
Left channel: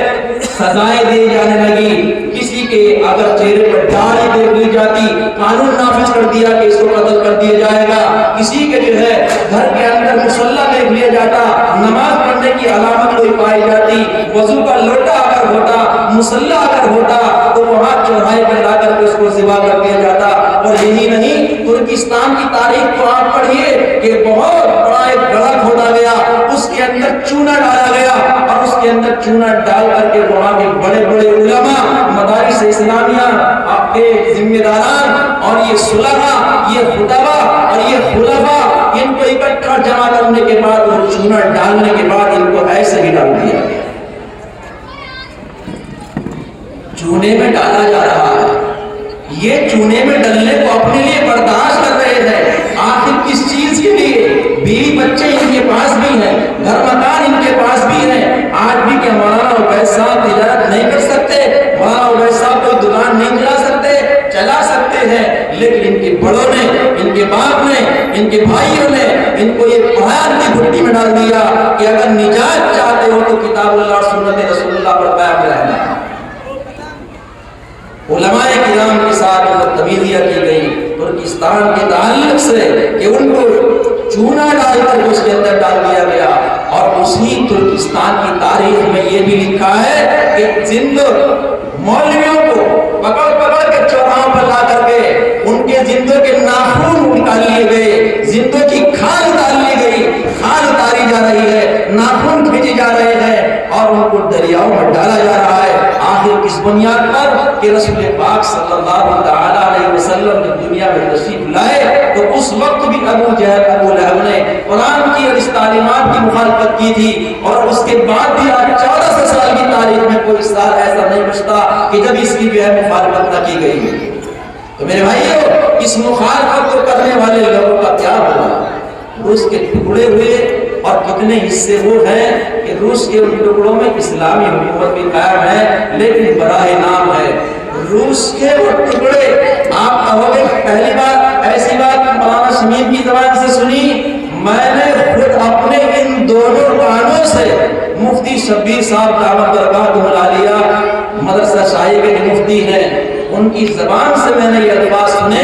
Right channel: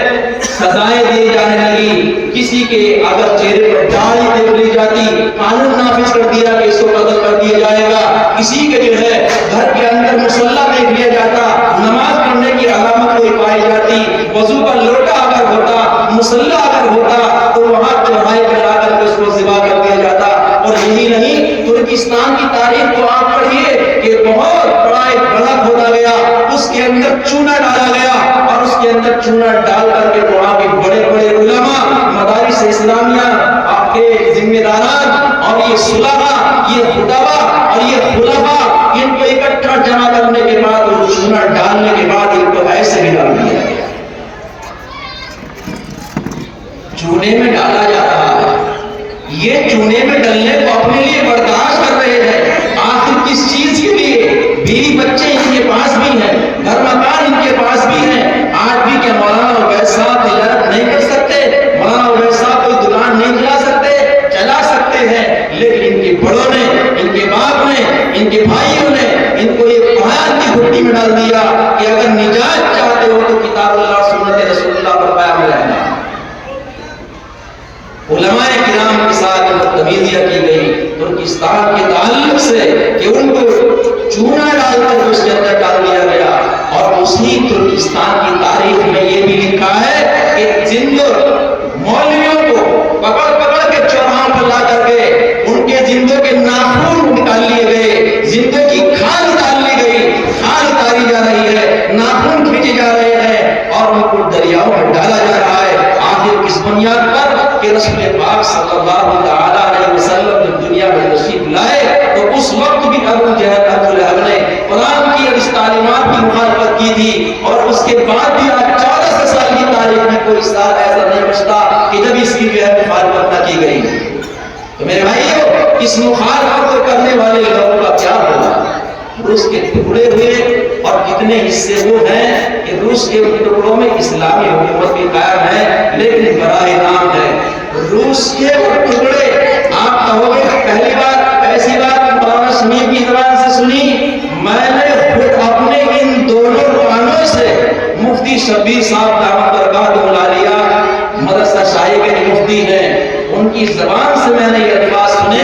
سزائیں دی جانے لگی۔ کسی کے اگر چہرے پر داڑھی دیکھ لی جاتی، قانون نافذ کر دیا کہ اس کو قتل کر دیا جائے گا، کسی کے جو ہے گھر کے اندر مصلی دیکھ لیا جاتا، نماز پڑھنے کی علامت کوئی پائی جاتی، وضو کا لوٹا اگر ہوتا، مصلی اگر ہوتا تو وہاں چوراہے پہ لا کر کے اس کو ذبح کر دیا جاتا۔ اور یہی نہیں، ترکستان کی تاریخ کو آپ پڑھیے کہ بہت بڑا ایک گڑھ ہوتا گیا، اس کے اندر چونا ڈالا گیا، اور اس کے اندر چونا ڈال کر کے وہاں کے بڑے بڑے علماء، مدارس اسلامیہ، آپ کے ذمہ داران اور یہ صلحاء، یہ خطباء اور یہ خلفاء، ان کو اکٹھا جمع کرنے کے بعد اور چونا ڈالنے کے بعد ان کو ایسے ہی ڈال دیا گیا۔ چونے میں ڈالا جا رہا ہے، یہ چونے میں ڈلنے کو اپنے لیے برداشت کر رہے ہیں، آخر کس چیز کے لیے؟ بیوی بچے ان کے پاس بھی ہیں، گھر مکان ان کے پاس بھی ہیں، آج بھی کیا مولانا عبید صاحب تجارت نہیں کر سکتے؟ مولانا عبید صاحب کوئی دکان نہیں چلا سکتے؟ چلا سکتے ہیں، لیکن ان کے بڑوں نے، ان کے باپ نے، ان کے بھائیوں نے ان کو یہ قرآن کی گھٹی میں ڈال دیا کہ اگر نجات چاہتے ہو تو کتاب اللہ سنت رسول اللہ پر قائم رہنا۔ علماء کرام کے ساتھ بدتمیزیاں کی گئی ترکستان کے تعلق سے کہ ان کو چونا ڈال کر اس کے اندر ڈال دیا گیا، اور اسی ترکستان کی تاریخ میں یہ بھی لکھا ہے کہ زند مولویوں کو پکڑ پکڑ کے چوراہوں پر لا کر کے ان کے زندوں کے ناخن نکال لیے گئے، زندوں کی کھال نکال لی گئی، کھال اتاری جا رہی ہے، ناخن کھینچے جا رہے ہیں، اور ان کو دریاؤں میں ڈالا جا رہا ہے۔ آخر کس بنیاد پر کہ رسول پاک صلی اللہ تعالی علیہ وسلم جب دنیا میں تشریف لائے تو اس وقت بھی ابو جہل ابو لہب نے قرآن کی اور اس تعلیمات کی مخالفت کی تھی، اور اس کے بعد بھی آج 1400 سال کی تاریخ میں کوئی سال ایسا نہیں بچتا کہ جب اس کی جو ہے مخالفت نہ کی گئی۔ تو میرے بھائیو، اس مخالفت کو کرنے والے لوگوں کا کیا ہوگا؟ روس کے ٹکڑے ہوئے، اور کتنے حصے وہ ہیں کہ روس کے ٹکڑوں میں اسلامی حکومت بھی قائم ہے، لیکن براہ نام ہے۔ روس کے وہ ٹکڑے، آپ کہو گے پہلی بار ایسی بات مولانا شمیم کی زبان سے سنی، میں نے خود اپنے ان دونوں کانوں سے مفتی شبیر صاحب دامت برکاتہ العالیہ مدرسہ شاہی کے مفتی ہیں، ان کی زبان سے میں نے یہ الفاظ سنے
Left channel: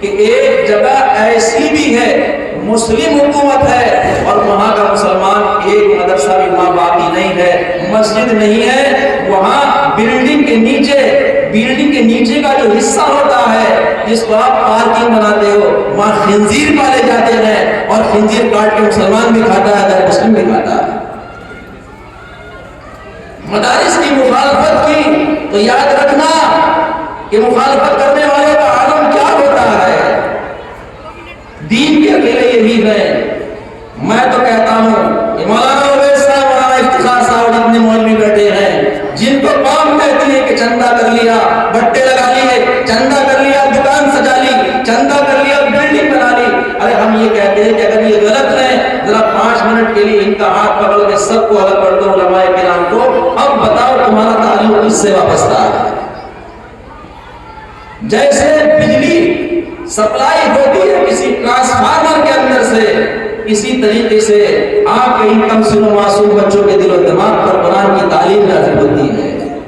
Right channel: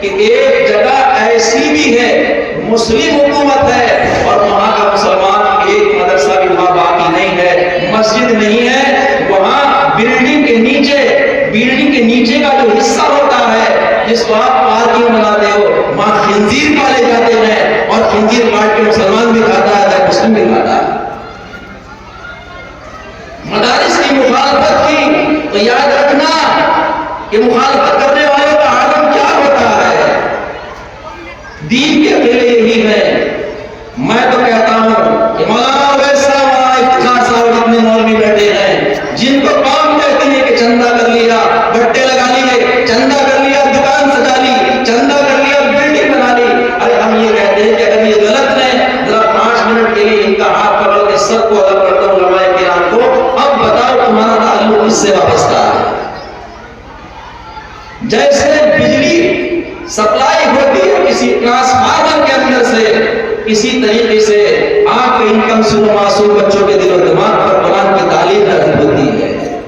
کہ ایک جگہ ایسی بھی ہے مسلم حکومت ہے اور وہاں کا مسلمان ایک مدرسہ بھی وہاں باقی نہیں ہے، مسجد نہیں ہے، وہاں بلڈنگ کے نیچے کا جو حصہ ہوتا ہے جس کو آپ پارکنگ بناتے ہو، وہاں خنزیر پالے جاتے ہیں، اور خنزیر کاٹ کے مسلمان بھی کھاتا ہے، غیر مسلم بھی کھاتا ہے۔ مدارس کی مخالفت کی تو یاد رکھنا کہ مخالفت کرنے والے کا عالم کیا ہوتا ہے۔ دین کے اکیلے یہی ہے۔ میں تو کہتا ہوں کہ مولانا اویس صاحب، مولانا افتخار صاحب جتنے مولوی بیٹھے ہیں، جن کو قوم کہتی ہے کہ چندہ کر لیا، گٹے لگا لیے، چندہ کر لیا، دکان سجا لی، چندہ کر لیا، بلڈنگ بنا لی، ارے ہم یہ کہتے ہیں کہ اگر یہ غلط ہے، ذرا 5 منٹ کے لیے ان کا ہاتھ پکڑ کے سب کو الگ کر دو، علماء کرام کو، اب بتاؤ تمہارا تعلق کس سے وابستہ ہے؟ جیسے بجلی سپلائی ہوتی ہے کسی ٹرانسفارمر کے اندر سے، اسی طریقے سے آپ کے ان کمسن و معصوم بچوں کے دل و دماغ پر قرآن کی تعلیم نازل ہوتی ہے۔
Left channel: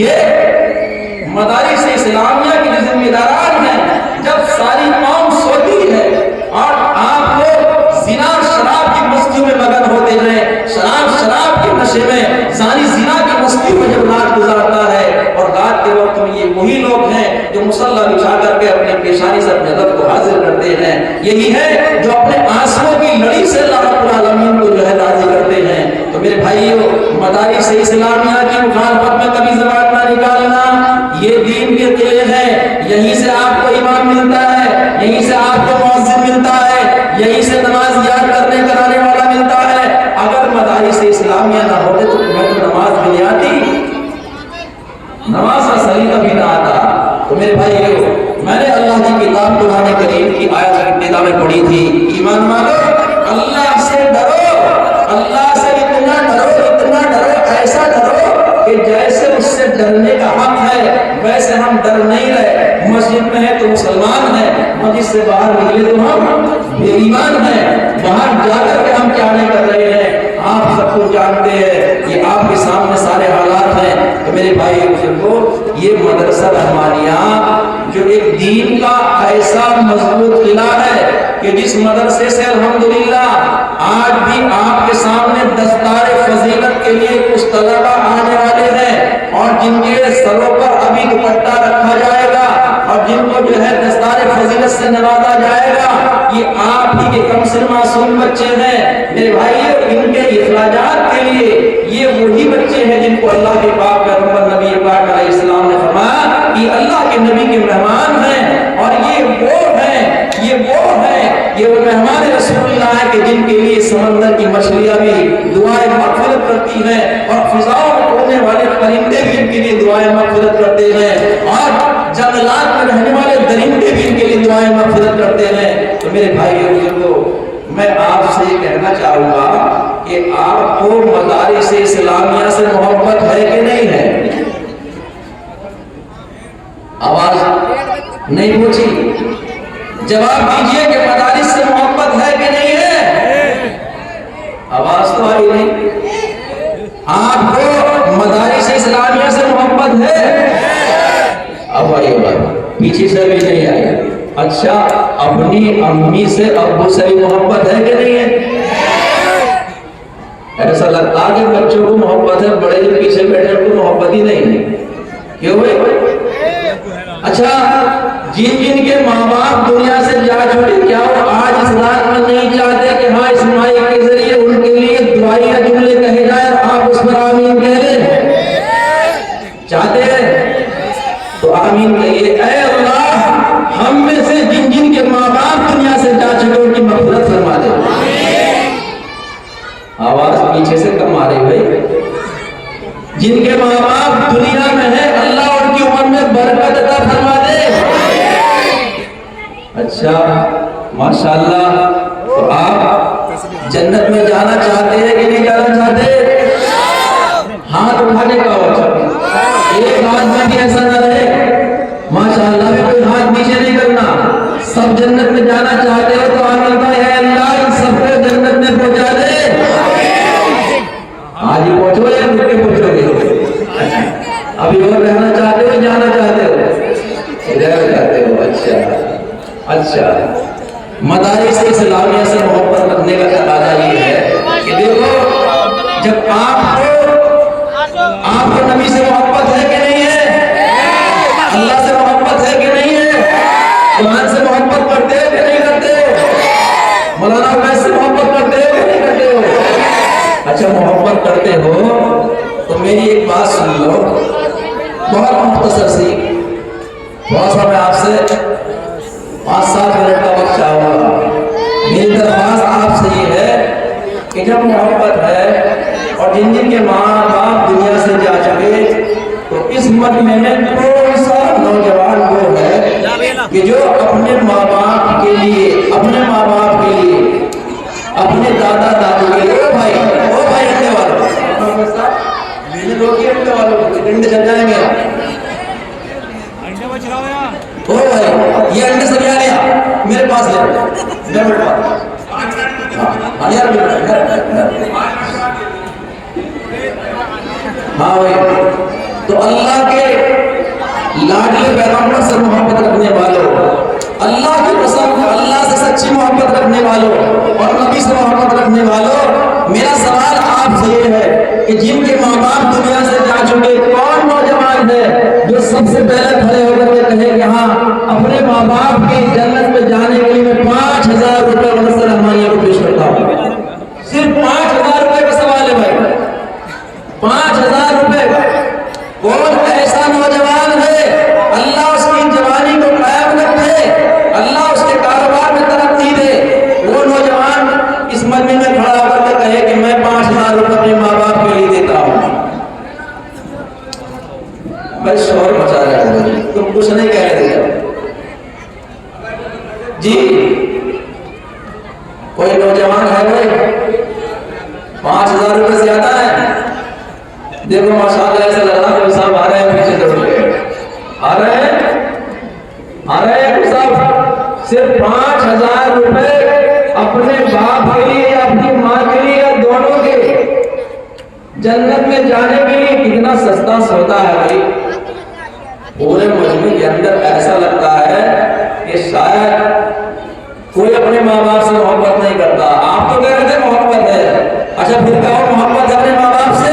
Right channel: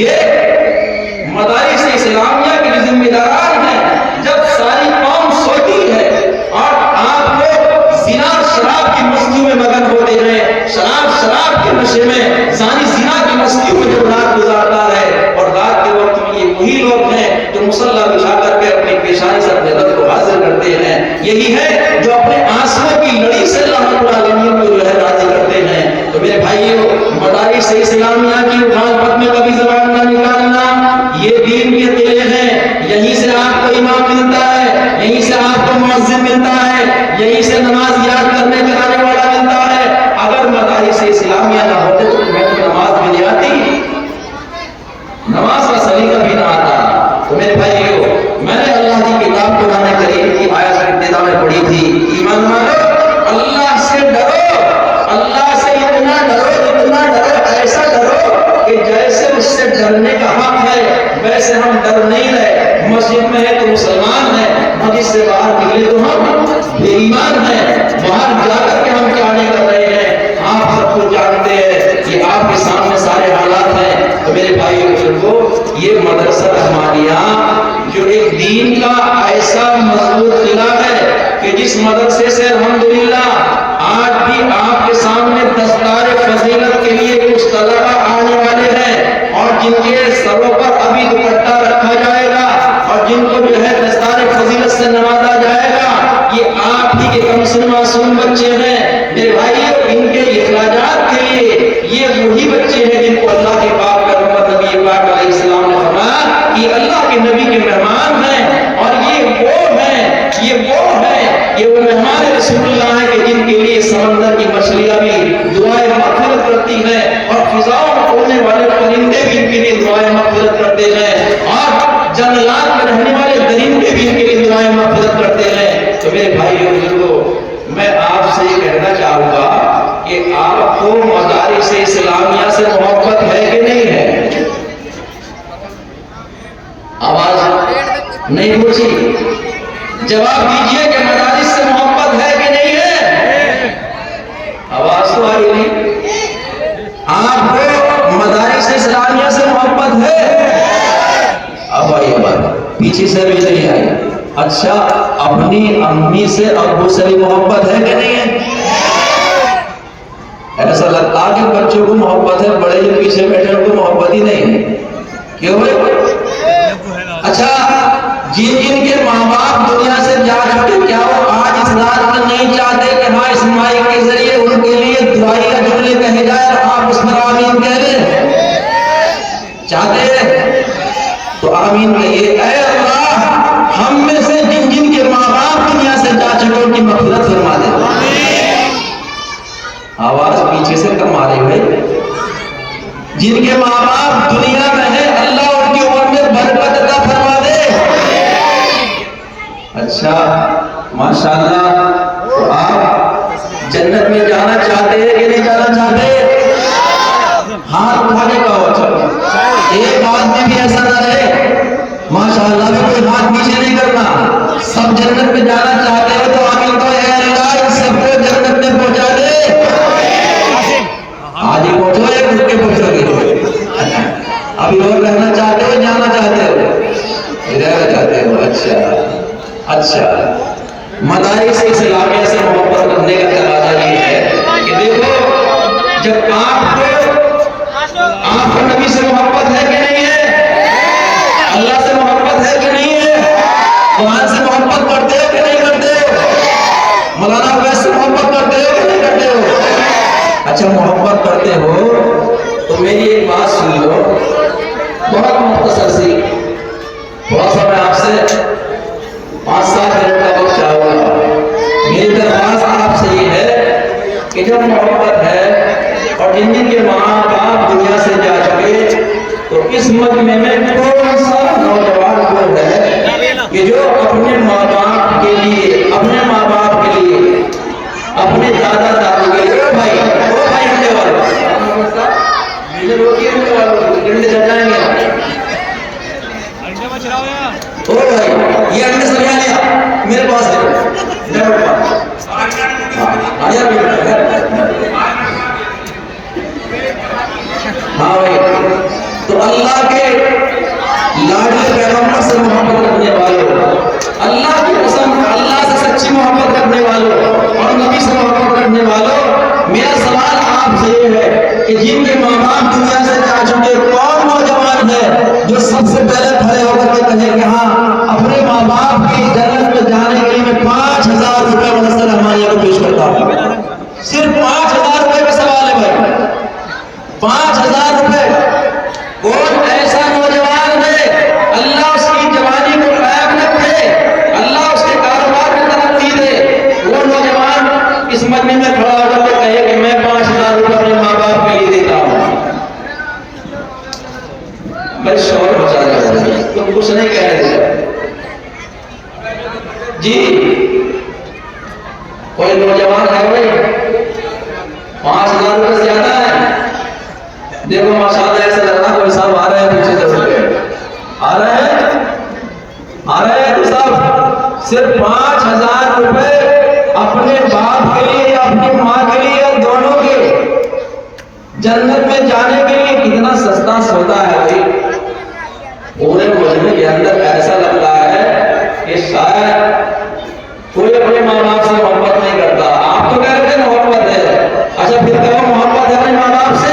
یہ مدارس اسلامیہ کے ذمہ داران ہیں۔ جب ساری قوم سوتی ہے اور آپ لوگ زنا اور شراب کی مستیوں میں مگن ہوتے ہیں، شراب کے نشے میں، زانی زنا کی مستیوں میں جب رات گزارتا ہے، اور رات کے وقت میں یہ وہی لوگ ہیں جو مصلی بچھا کر کے اپنی پیشانی سے اپنے رب کو حاضر کرتے ہیں، یہی ہے جو اپنے آنسوؤں کی لڑی سے اللہ رب العالمین کو جو ہے راضی کرتے ہیں۔ تو میرے بھائیو، مدارس اسلامیہ کی مخالفت میں کبھی زبان نہ نکالنا، یہ دین کے قلعے ہیں، یہیں سے آپ کو امام ملتا ہے، یہیں سے آپ کو مؤذن ملتا ہے، یہیں سے نماز یاد کرنے کرانے والا ملتا ہے۔ اگر مدارس اسلامیہ نہ ہوتے تو تمہیں تو نماز بھی نہیں آتی، نماز کا سلیقہ بھی نہ آتا۔ تو میرے بھائیو، میں نے اللہ کی کتاب قرآن کریم کی آیت ابتدا میں پڑھی تھی، ایمان والو اللہ سے ڈرو، اللہ سے اتنا ڈرو، ایسا ڈرو کہ جیسے اس سے ڈرنے کا حق ہے ویسے ہم ڈر نہیں رہے۔ مسجد میں ہے تو مسلمان ہیں، مسجد سے باہر نکلے تو ہم بے ایمان ہیں، باہر جا کر کے ہم کیا نہیں کر رہے ہیں، آپ سب کچھ جانتے ہیں، یہ آپ کے سامنے سارے حالات ہیں۔ تو میرے بھائی بزرگوں، یہ مدرسہ رحمانیہ جو ایک دین کا ایسا مضبوط قلعہ ہے کہ جس مدرسے سے الحمدللہ آج بھی آپ کے سامنے دستار فضیلت کے لیے کچھ طلبہ آنے والے ہیں، اور جن کے سروں پر ابھی دوپٹہ رکھا جائے گا، اور جن کو جو ہے دستار فضیلت سے نوازا جائے گا، یہ آپ ہی کے کمسن معصوم بچے ہیں۔ میرے بھائیو، ان کے اخراجات کے لیے یہ وہی بچے ہیں جن کو اللہ کے پاک پیغمبر نبی پاک علیہ السلام نے فرمایا کہ اللہ کے نبی کے مہمان ہیں، اور یہ وہ ہیں، یہ وہ مہمان رسول اللہ ہیں کہ جن کے لیے سمندر کی مچھلیاں بھی دعائیں مغفرت کرتی ہیں، اور فضاؤں میں اڑنے والے پرندے بھی ان کے لیے دعائیں مغفرت کرتے ہیں، اور جنگلات میں رہنے والے درندے بھی ان کے لیے دعائیں مغفرت کرتے ہیں۔ تو میرے بھائیوں بزرگوں، میں آپ سے یہ کہنا چاہوں گا کہ آپ کو مدارس اسلامیہ سے محبت ہے کہ نہیں ہے؟ آواز نہیں پوچھی، جواب دیجئے کہ مدارس سے محبت ہے کہ نہیں ہے؟ آواز تو آئی نہیں۔ آپ کو مدارس اسلامیہ سے محبت ہے؟ اب آئی بات، پیچھے سے بھی نہیں آئی۔ اچھا، اپنی امی سے ابو سے بھی محبت ہے کہ نہیں ہے؟ ایسا لگتا ہے کہ بچوں کو محبت ہے، بڑے جو پیچھے بیٹھے ان کو محبت ہی نہیں ہے، کیوں ہے؟ اچھا، جن کے ماں باپ دنیا سے جا چکے، کیا وہ آج اس رات میں نہیں چاہتے کہ ہاں اس مائک کے ذریعے ان کے لیے دعائیہ جملے کہے جائے اور آپ اس پر آمین کہہ دیں؟ چاہتے ہیں تو آمین کہیے۔ اے اللہ، ہم میں سے جن کے ماں باپ دنیا سے جا چکے ان کی مغفرت فرما دے۔ آواز پیچھے سے کم آ رہی بھائی۔ جن کے ماں باپ دنیا میں ہیں، اللہ ان کی عمر میں برکت عطا فرما دے۔ اچھا، ماشاءاللہ، تو آپ جنت میں جانا چاہتے ہیں کہ نہیں جانا چاہتے؟ ہاتھ اٹھانے کا وچہ ایک بات میں بھی ایسا نہ رہے، ماشاءاللہ بھی کوئی ہاتھ نیچے نہیں کرنا، سب جنت میں جانا چاہتے ہیں تو آمین کا ہے اللہ ان سب کو جنت میں پہنچا دے۔ آج ہی پہنچو یا خود کے پہنچو گے؟ ابھی اور رہنا چاہتے ہو، جانا چاہتے ہو؟ رہنا چاہتے ہو، اچھا۔ مدارس اسلامیہ سے محبت کرنے کا تقاضا یہ ہے کہ دیکھو، جب آپ کو بہت مختصر سی، تھوڑا سا میں آپ سے 5-7 منٹ کا وقت چاہوں گا۔ میری درخواست آپ سے یہ ہے کہ جب محبت ہے اور جن جن کے ماں باپ دنیا سے جا چکے، تو اس مجمع میں کون سا نوجوان وہ ہے کہ جو اپنے ماں باپ کے لیے، اپنے ماں باپ کے لیے، اپنے دادا دادی کے لیے، بھائی رکھنے والوں ڈنڈے چل جائیں گے یہ انڈے سب لیا میرے پاس ہے ہاں بھائی، تو اللہ کے لاڈلے پیغمبر سے محبت رکھنے والوں، اللہ کی قسم اللہ سے سچی محبت رکھنے والوں اور نبی سے محبت رکھنے والوں، میرا سوال آپ سے یہ ہے کہ جن کے ماں باپ دنیا سے جا چکے، کون نوجوان ہے جو سب سے پہلے کھڑے ہو کر کے کہے کہ ہاں اپنے ماں باپ کی جنت میں جانے کے لیے میں 5,000 روپے مدرسہ رحمانیہ کو پیش کرتا ہوں؟ صرف 5,000 روپے کا سوال ہے بھائی، 5,000 روپے کا۔ کون ایسا نوجوان ہے اللہ اس کی جوانی کو قائم رکھے، اللہ اس کے کاروبار میں ترقی دے، وہ نوجوان اس مجمع میں کھڑا ہو کر کے کہے کہ میں 5,000 روپے اپنے ماں باپ کے لیے دیتا ہوں؟ میں شور بچا رہا ہوں، تم کچھ نہیں کہہ رہے جی؟ کوئی نوجوان ہے بھائی؟ 5,000 روپے زیادہ ہے؟ دیکھو ماشاءاللہ ایسا لگ رہا ہے کوئی صاحب آ رہے ہیں پیچھے سے، آ رہے ہیں کوئی صاحب؟ صرف 5,000 روپے اپنے باپ کے لیے یا اپنی ماں کے لیے یا دونوں کے جنت میں جانے کے لیے کتنا سستا سودا ہے بھائی۔ پورے مجمع کے اندر ایسا لگتا ہے کہ شاید کوئی اپنے ماں باپ سے محبت نہیں کرتا۔ آپ تو کہہ رہے تھے محبت ہے، اچھا پھر کہو محبت ہے اپنے ماں باپ سے؟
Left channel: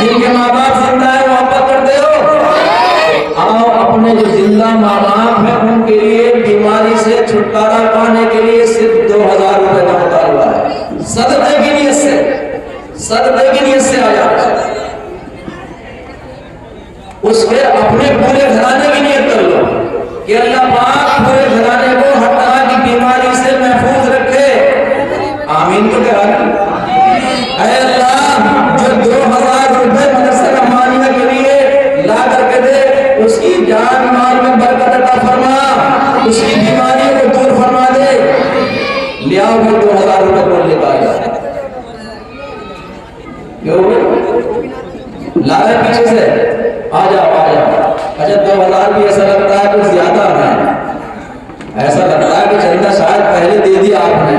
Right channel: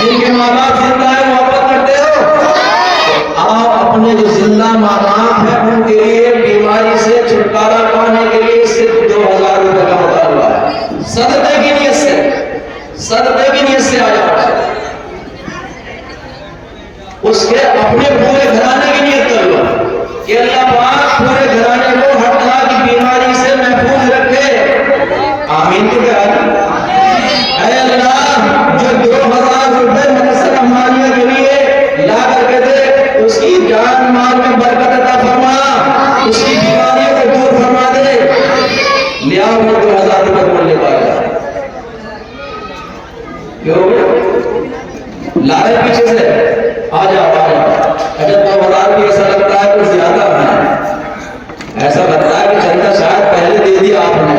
جن کے ماں باپ زندہ ہے محبت کرتے ہو؟ آؤ اپنے جو زندہ ماں باپ ہیں ان کے لیے بیماری سے چھٹکارا پانے کے لیے صرف 2,000 روپے کا مطالبہ ہے، صدقے کی نیت سے، صدقے کی نیت سے آ جاؤ، اس کے اپنے پورے گھرانے کی نیت کر لو کہ اللہ پاک پورے گھرانے کو ہر طرح کی بیماری سے محفوظ رکھے، آمین تو کہا۔ اے اللہ جو 2,000 روپے مدرسہ رحمانیہ کے لیے لا کر کے دے، اس کی جان مال میں برکت عطا فرما، اس کی بیماریوں کو دور فرما دے، لے آؤ وہ 2,000 روپے کو لے پائے گا، کیوں لائے پیچھے سے آ جاؤ۔ اچھا 2,000 بھی ایسا لگتا ہے کچھ زیادہ ہے، ایسا لگتا ہے کہ چندہ شاید پہلے دے دیا آپ نے۔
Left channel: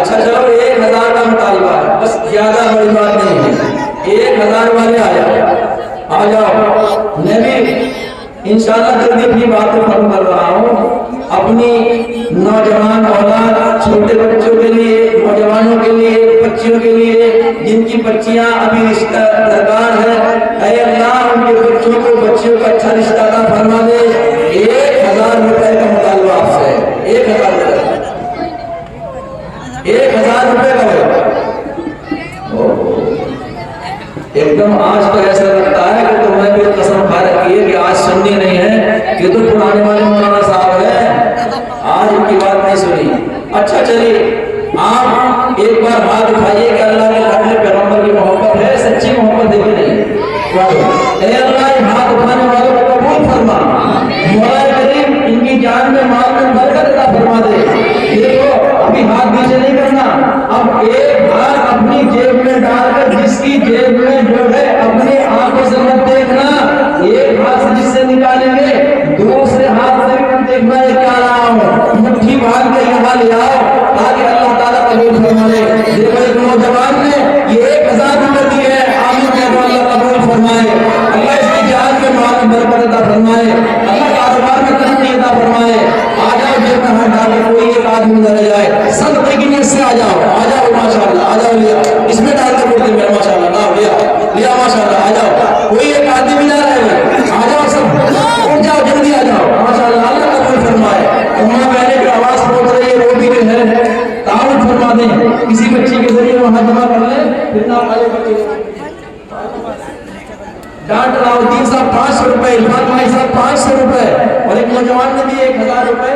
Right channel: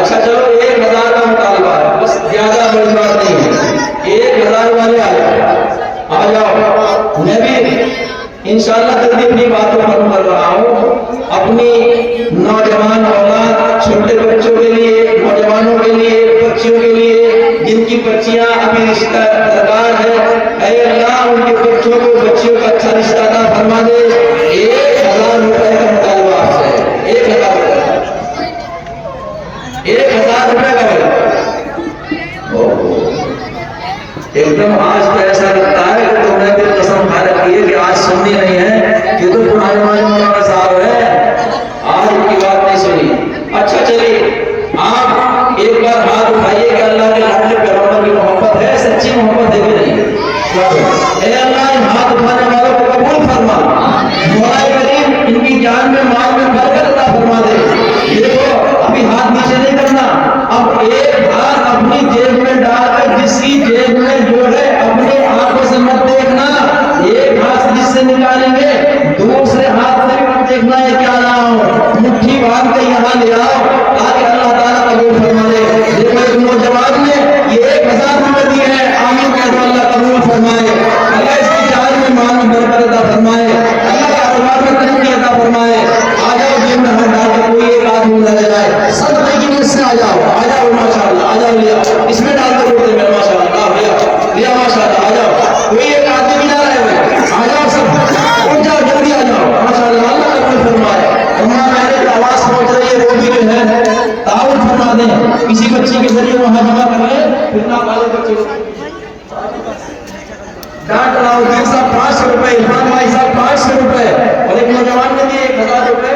اچھا چلو 1,000 کا مطالبہ ہے، بس زیادہ بڑی بات نہیں ہے، 1,000 والے آ جاؤ۔ میں بھی انشاءاللہ جلدی اپنی باتوں ختم کر رہا ہوں۔ اپنی نوجوان اولاد، چھوٹے بچوں کے لیے، نوجوانوں کے لیے، بچیوں کے لیے جن کی بچیاں ابھی رشتہ درکار ہے، اے اللہ ان کے بچوں کو بچیوں کا اچھا رشتہ عطا فرما دے۔ 1,000 روپے کا مطالبہ آپ سے، 1,000 روپے، 1,000 روپے کا ہے۔ ایک دم آج تو ایسا لگتا ہے کہ تمہیں بھی قسم کھا رکھی ہے کہ آج سننی نہیں ہے، یہ تو پرانے والے مولانا صاحب ہیں، آج ان کی بات نہیں سنی۔ اچھا چلیے آپ ایک بار ہاتھ اٹھائیے کہ اللہ کے لاڈلے پیغمبر کی محبت ہے، سچی محبت ہے کہ نہیں؟ اے اللہ ان ہاتھ اٹھانے والوں کو قبول فرما، مولا کریم ان کی جان میں مال میں برکت عطا فرما دے۔ دیکھو ابھی ہاتھ نیچے نہیں کرنا، اب ایک ہاتھ اپنی جیب میں ڈال کر جس کی جیب میں جو ہے اپنے آنکھوں سے مت دیکھنا، ایک ہاتھ جس سے نکالیں گے دوسرے ہاتھ سے بھی مت دیکھنا ہے کیا رہا ہوں، مٹھی باندھ کے یہاں لے آؤ تاکہ اللہ تعالیٰ قبول فرما لے۔ دیکھو ایک نوجوان نے یہ 1,000 روپے دیے ہیں، آمین کہہ دو، اللہ قبول فرمائے، اللہ اس کی جان میں مال میں برکت عطا فرمائے، اللہ کاروبار میں ترقی عطا فرمائے۔ آ جاؤ جیب میں ہاتھ ڈال کے کوئی ایک آدمی نہ رہ جائے، صدقے کی نیت سے آ جاؤ، آ جاؤ ماشاءاللہ، آ جاؤ لیا، اس میں ڈالتے بولتے میں ماشاءاللہ، لیا ماشاءاللہ، آ جاؤ، کوئی ایک آدمی بھی نہ رہے ہوئے، آ جاؤ سب، اٹھ جاؤ جلدی آ جاؤ، ماشاءاللہ اللہ قبول فرمائے۔ اماں بہنیں کی آواز پہنچ رہی ہے، وہ بھی جو ہے تعاون فرما دیں، کسی بچی کے ذریعے وہاں جمع کر لیں، پھر نہ والے بچے ڈاکٹر راؤدین صاحب 500 روپے، عرفان بھائی صاحب 500 روپے، اور ایک نوجوان نے دیے 1000 روپے،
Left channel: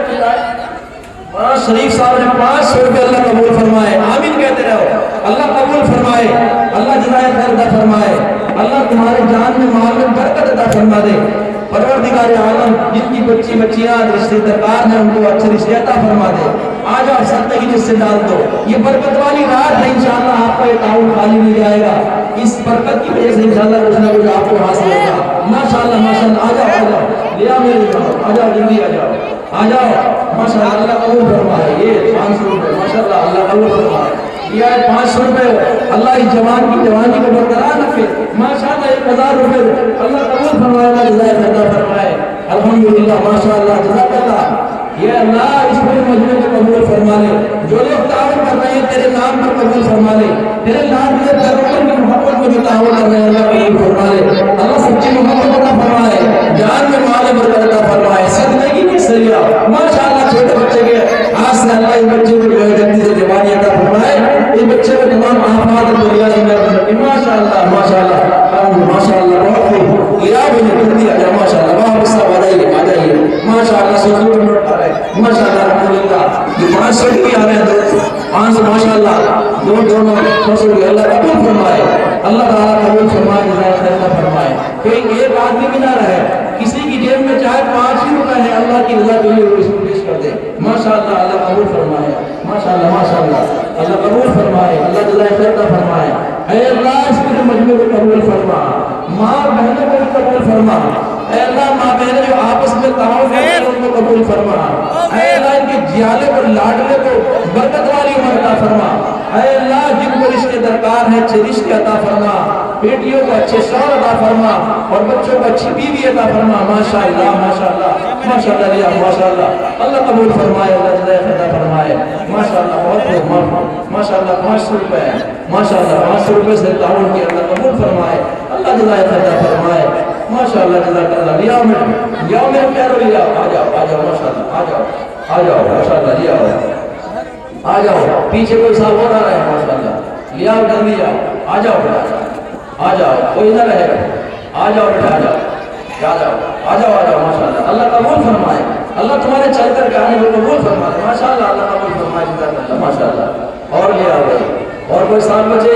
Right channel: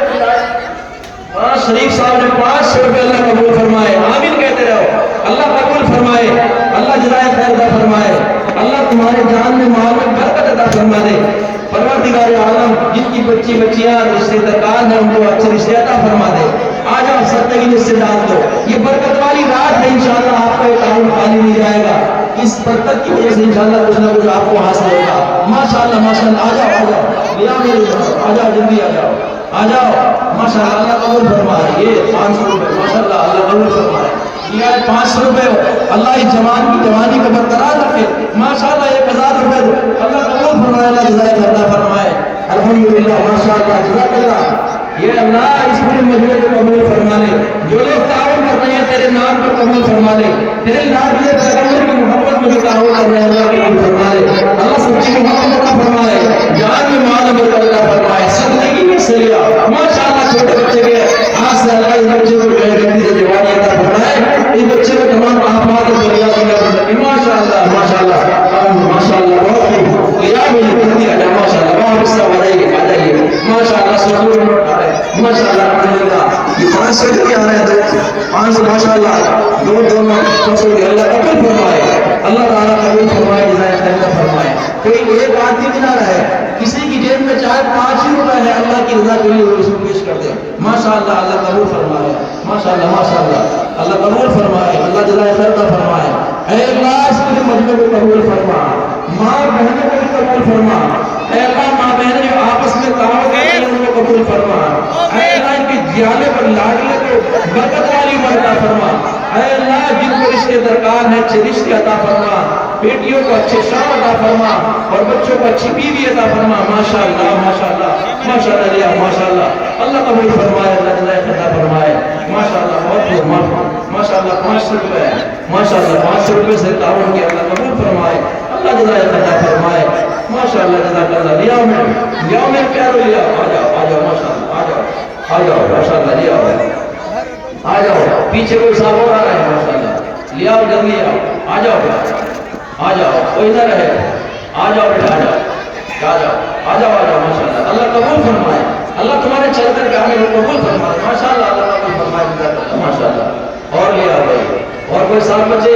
شریف صاحب نے 500 روپے. اللہ قبول فرمائے، آمین کہتے رہو. اللہ قبول فرمائے، اللہ جزائے خیر عطا فرمائے، اللہ تمہارے جان میں مال میں برکت عطا فرما دے. پروردگار عالم جن کی بچیاں رشتے درکار ہیں ان کو اچھے رشتے عطا فرما دے. آ جاؤ سرتگی جس سے ڈال دو. یہ برکت والی رات ہے، انشاءاللہ آپ کا اکاؤنٹ خالی نہیں جائے گا. اس برکت کی وجہ سے انشاءاللہ کچھ نہ کچھ آپ کو حاصل ہوگا. ماشاءاللہ ماشاءاللہ. آ جاؤ لے آؤ میرے جان، آ جاؤ جلدی آ جاؤ ماشاءاللہ. اللہ قبول فرمائے. یہ 500 روپے ماشاءاللہ اللہ قبول فرمائے. یہ ہے 500 روپے. اللہ اس جوان کی جوانی کو برقرار رکھے. ماشاءاللہ 1000 روپے اللہ قبول فرمائے، اللہ جزائے عطا فرمائے. الحمدللہ ماشاءاللہ جزاک اللہ. یہ اللہ اس پورے مجموعے کو قبول فرما لے. جو لوگ تعاون کر رہے ہیں تیرے نام پر قبول فرما لے. تیرے نام کے پیغمبر کی محبت میں جو تعاون کر رہے ہیں اللہ قبول فرما لے. اللہ سچی محبت عطا فرمائے، جان میں مال میں برکت عطا فرمائے. زندگی میں سیاح ماشاءاللہ. چھوٹے بچے کے آج سے اللہ اس بچے کو جلدی سے جوانی عطا فرمائے. اس بچے کو تمام آفات اور دنیا میں ماشاءاللہ ماشاءاللہ ماشاءاللہ. بہت خوب لیا مجھے جلدی آ جائے ماشاءاللہ. بہت حصہ آ جائیے ماشاءاللہ. سکون ماشاءاللہ. الحمدللہ یہ 500 بھی آ رہے ہیں 500 ماشاءاللہ. دونوں 500 اللہ قبول فرمائے، اللہ تعالیٰ قبول فرمائے، جزائے خیر فرمائے. کوئی ایک آدمی بھی نہ رہے کسی کی جیب میں چاہے 5 ہی روپے ہے، اللہ کی رضا کے لیے وہ اس کو پیش کر دے. ماشاءاللہ اللہ قبول فرمائے. ماشاءاللہ ماشاءاللہ اللہ قبول فرمائے، اللہ جزائے خیر فرمائے. اے اللہ اس کے مجموعے کو قبول فرما، ماں بہنوں کو قبول فرما. اے اللہ ماں بہنیں جو آپس میں تعاون کرتے ہیں ان کو قبول فرما. اے اللہ ان کی جیالے پر لاڈلے کو برکت والی عطا فرما. اے اللہ جن کو رشتے درکار ہیں اچھے رشتے عطا فرما. بیٹیوں کو اچھے شوہر عطا فرما اور بچوں کو اچھی بیوی عطا فرما. ماشاءاللہ ماشاءاللہ ماشاءاللہ ماشاءاللہ. اللہ قبول فرمائے، اللہ جزائے عطا فرمائے. ماشاءاللہ بہت ماشاءاللہ. 500 روپے ماشاءاللہ 500 روپے سے تعاون کیا، اللہ قبول فرمائے، اللہ جزائے عطا فرمائے. ماشاءاللہ جزاک اللہ. لیا میں کیا رو لیا. آ جاؤ ماشاءاللہ. آ جاؤ ماشاءاللہ. لیا آ جاؤ. پیچھے کوئی صاحب ہو رہا ہے ماشاءاللہ. لیا جلدی آ جاؤ کوئی نہ رہے. آ جاؤ بیٹا آ جاؤ ماشاءاللہ. اللہ قبول فرمائے، اللہ تمہارے چل کر کہنے کو قبول فرمائے. ماشاءاللہ اللہ قبول فرمائے ماشاءاللہ. اور لیا گئی اور کوئی صاحب بچے.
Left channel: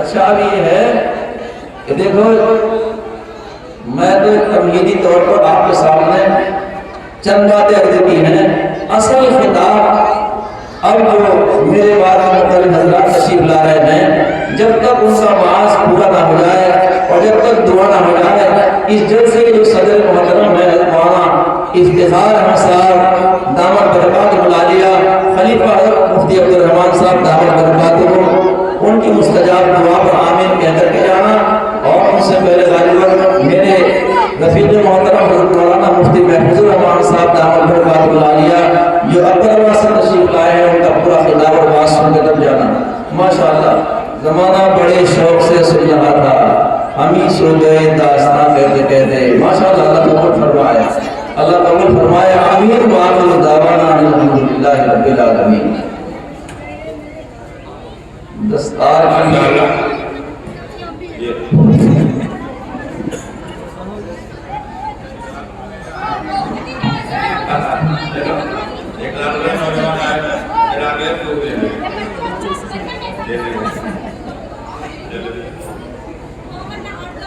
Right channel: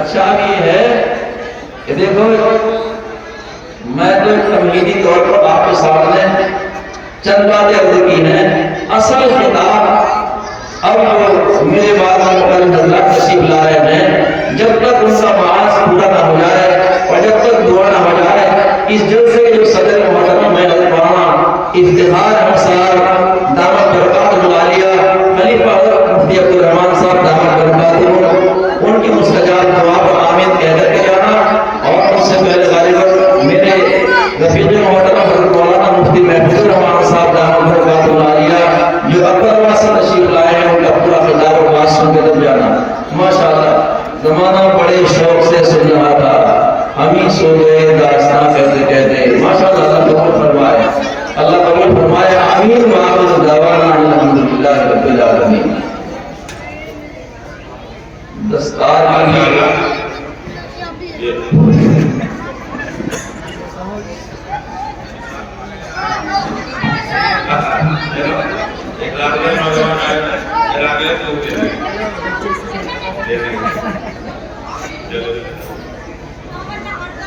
اچھا اب یہ ہے کہ دیکھو میں تو تمہیدی طور پر آپ کے سامنے چند باتیں عرض کی ہیں. اصل خطاب اب جو میرے بعد مختلف حضرات تشریف لا رہے ہیں، جب تک ان کا معاذ پورا نہ ہو جائے اور جب تک دعا نہ ہو جائے، اس جلسے کے جو صدر محترم میں مولانا افتخار احمد صاحب دامت برکاتہ العالیہ، خلیفہ حضرت مفتی عبدالرحمان صاحب دامت برکاتہ، ان کی مستجاب دعا پر آمین کہہ کر کے جانا. اور ان سے پہلے غالباً میرے رفیق محترم حضرت مولانا مفتی محفوظ الرحمان صاحب دامت برکاتہ العالیہ جو عبداللہ سے تشریف لائے ہیں، ان کا پورا خطاب اور بات سن کے تب جانا. ماشاءاللہ زمانہ بڑے شوق سے سن رہا تھا، ہم ہی سو گئے داستان کہتے کہتے. ماشاءاللہ اللہ قبول فرمائے، اللہ قبول فرمائے. آمین. وآخر دعوانا الحمدللہ رب العالمین. دستار کی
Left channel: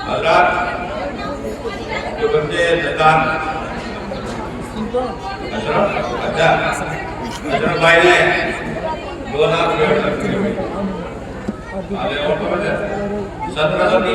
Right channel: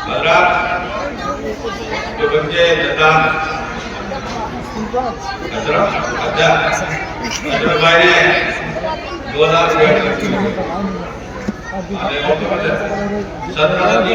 حضرات جو بچے نظام حضرت بھائی نے 2000 روپے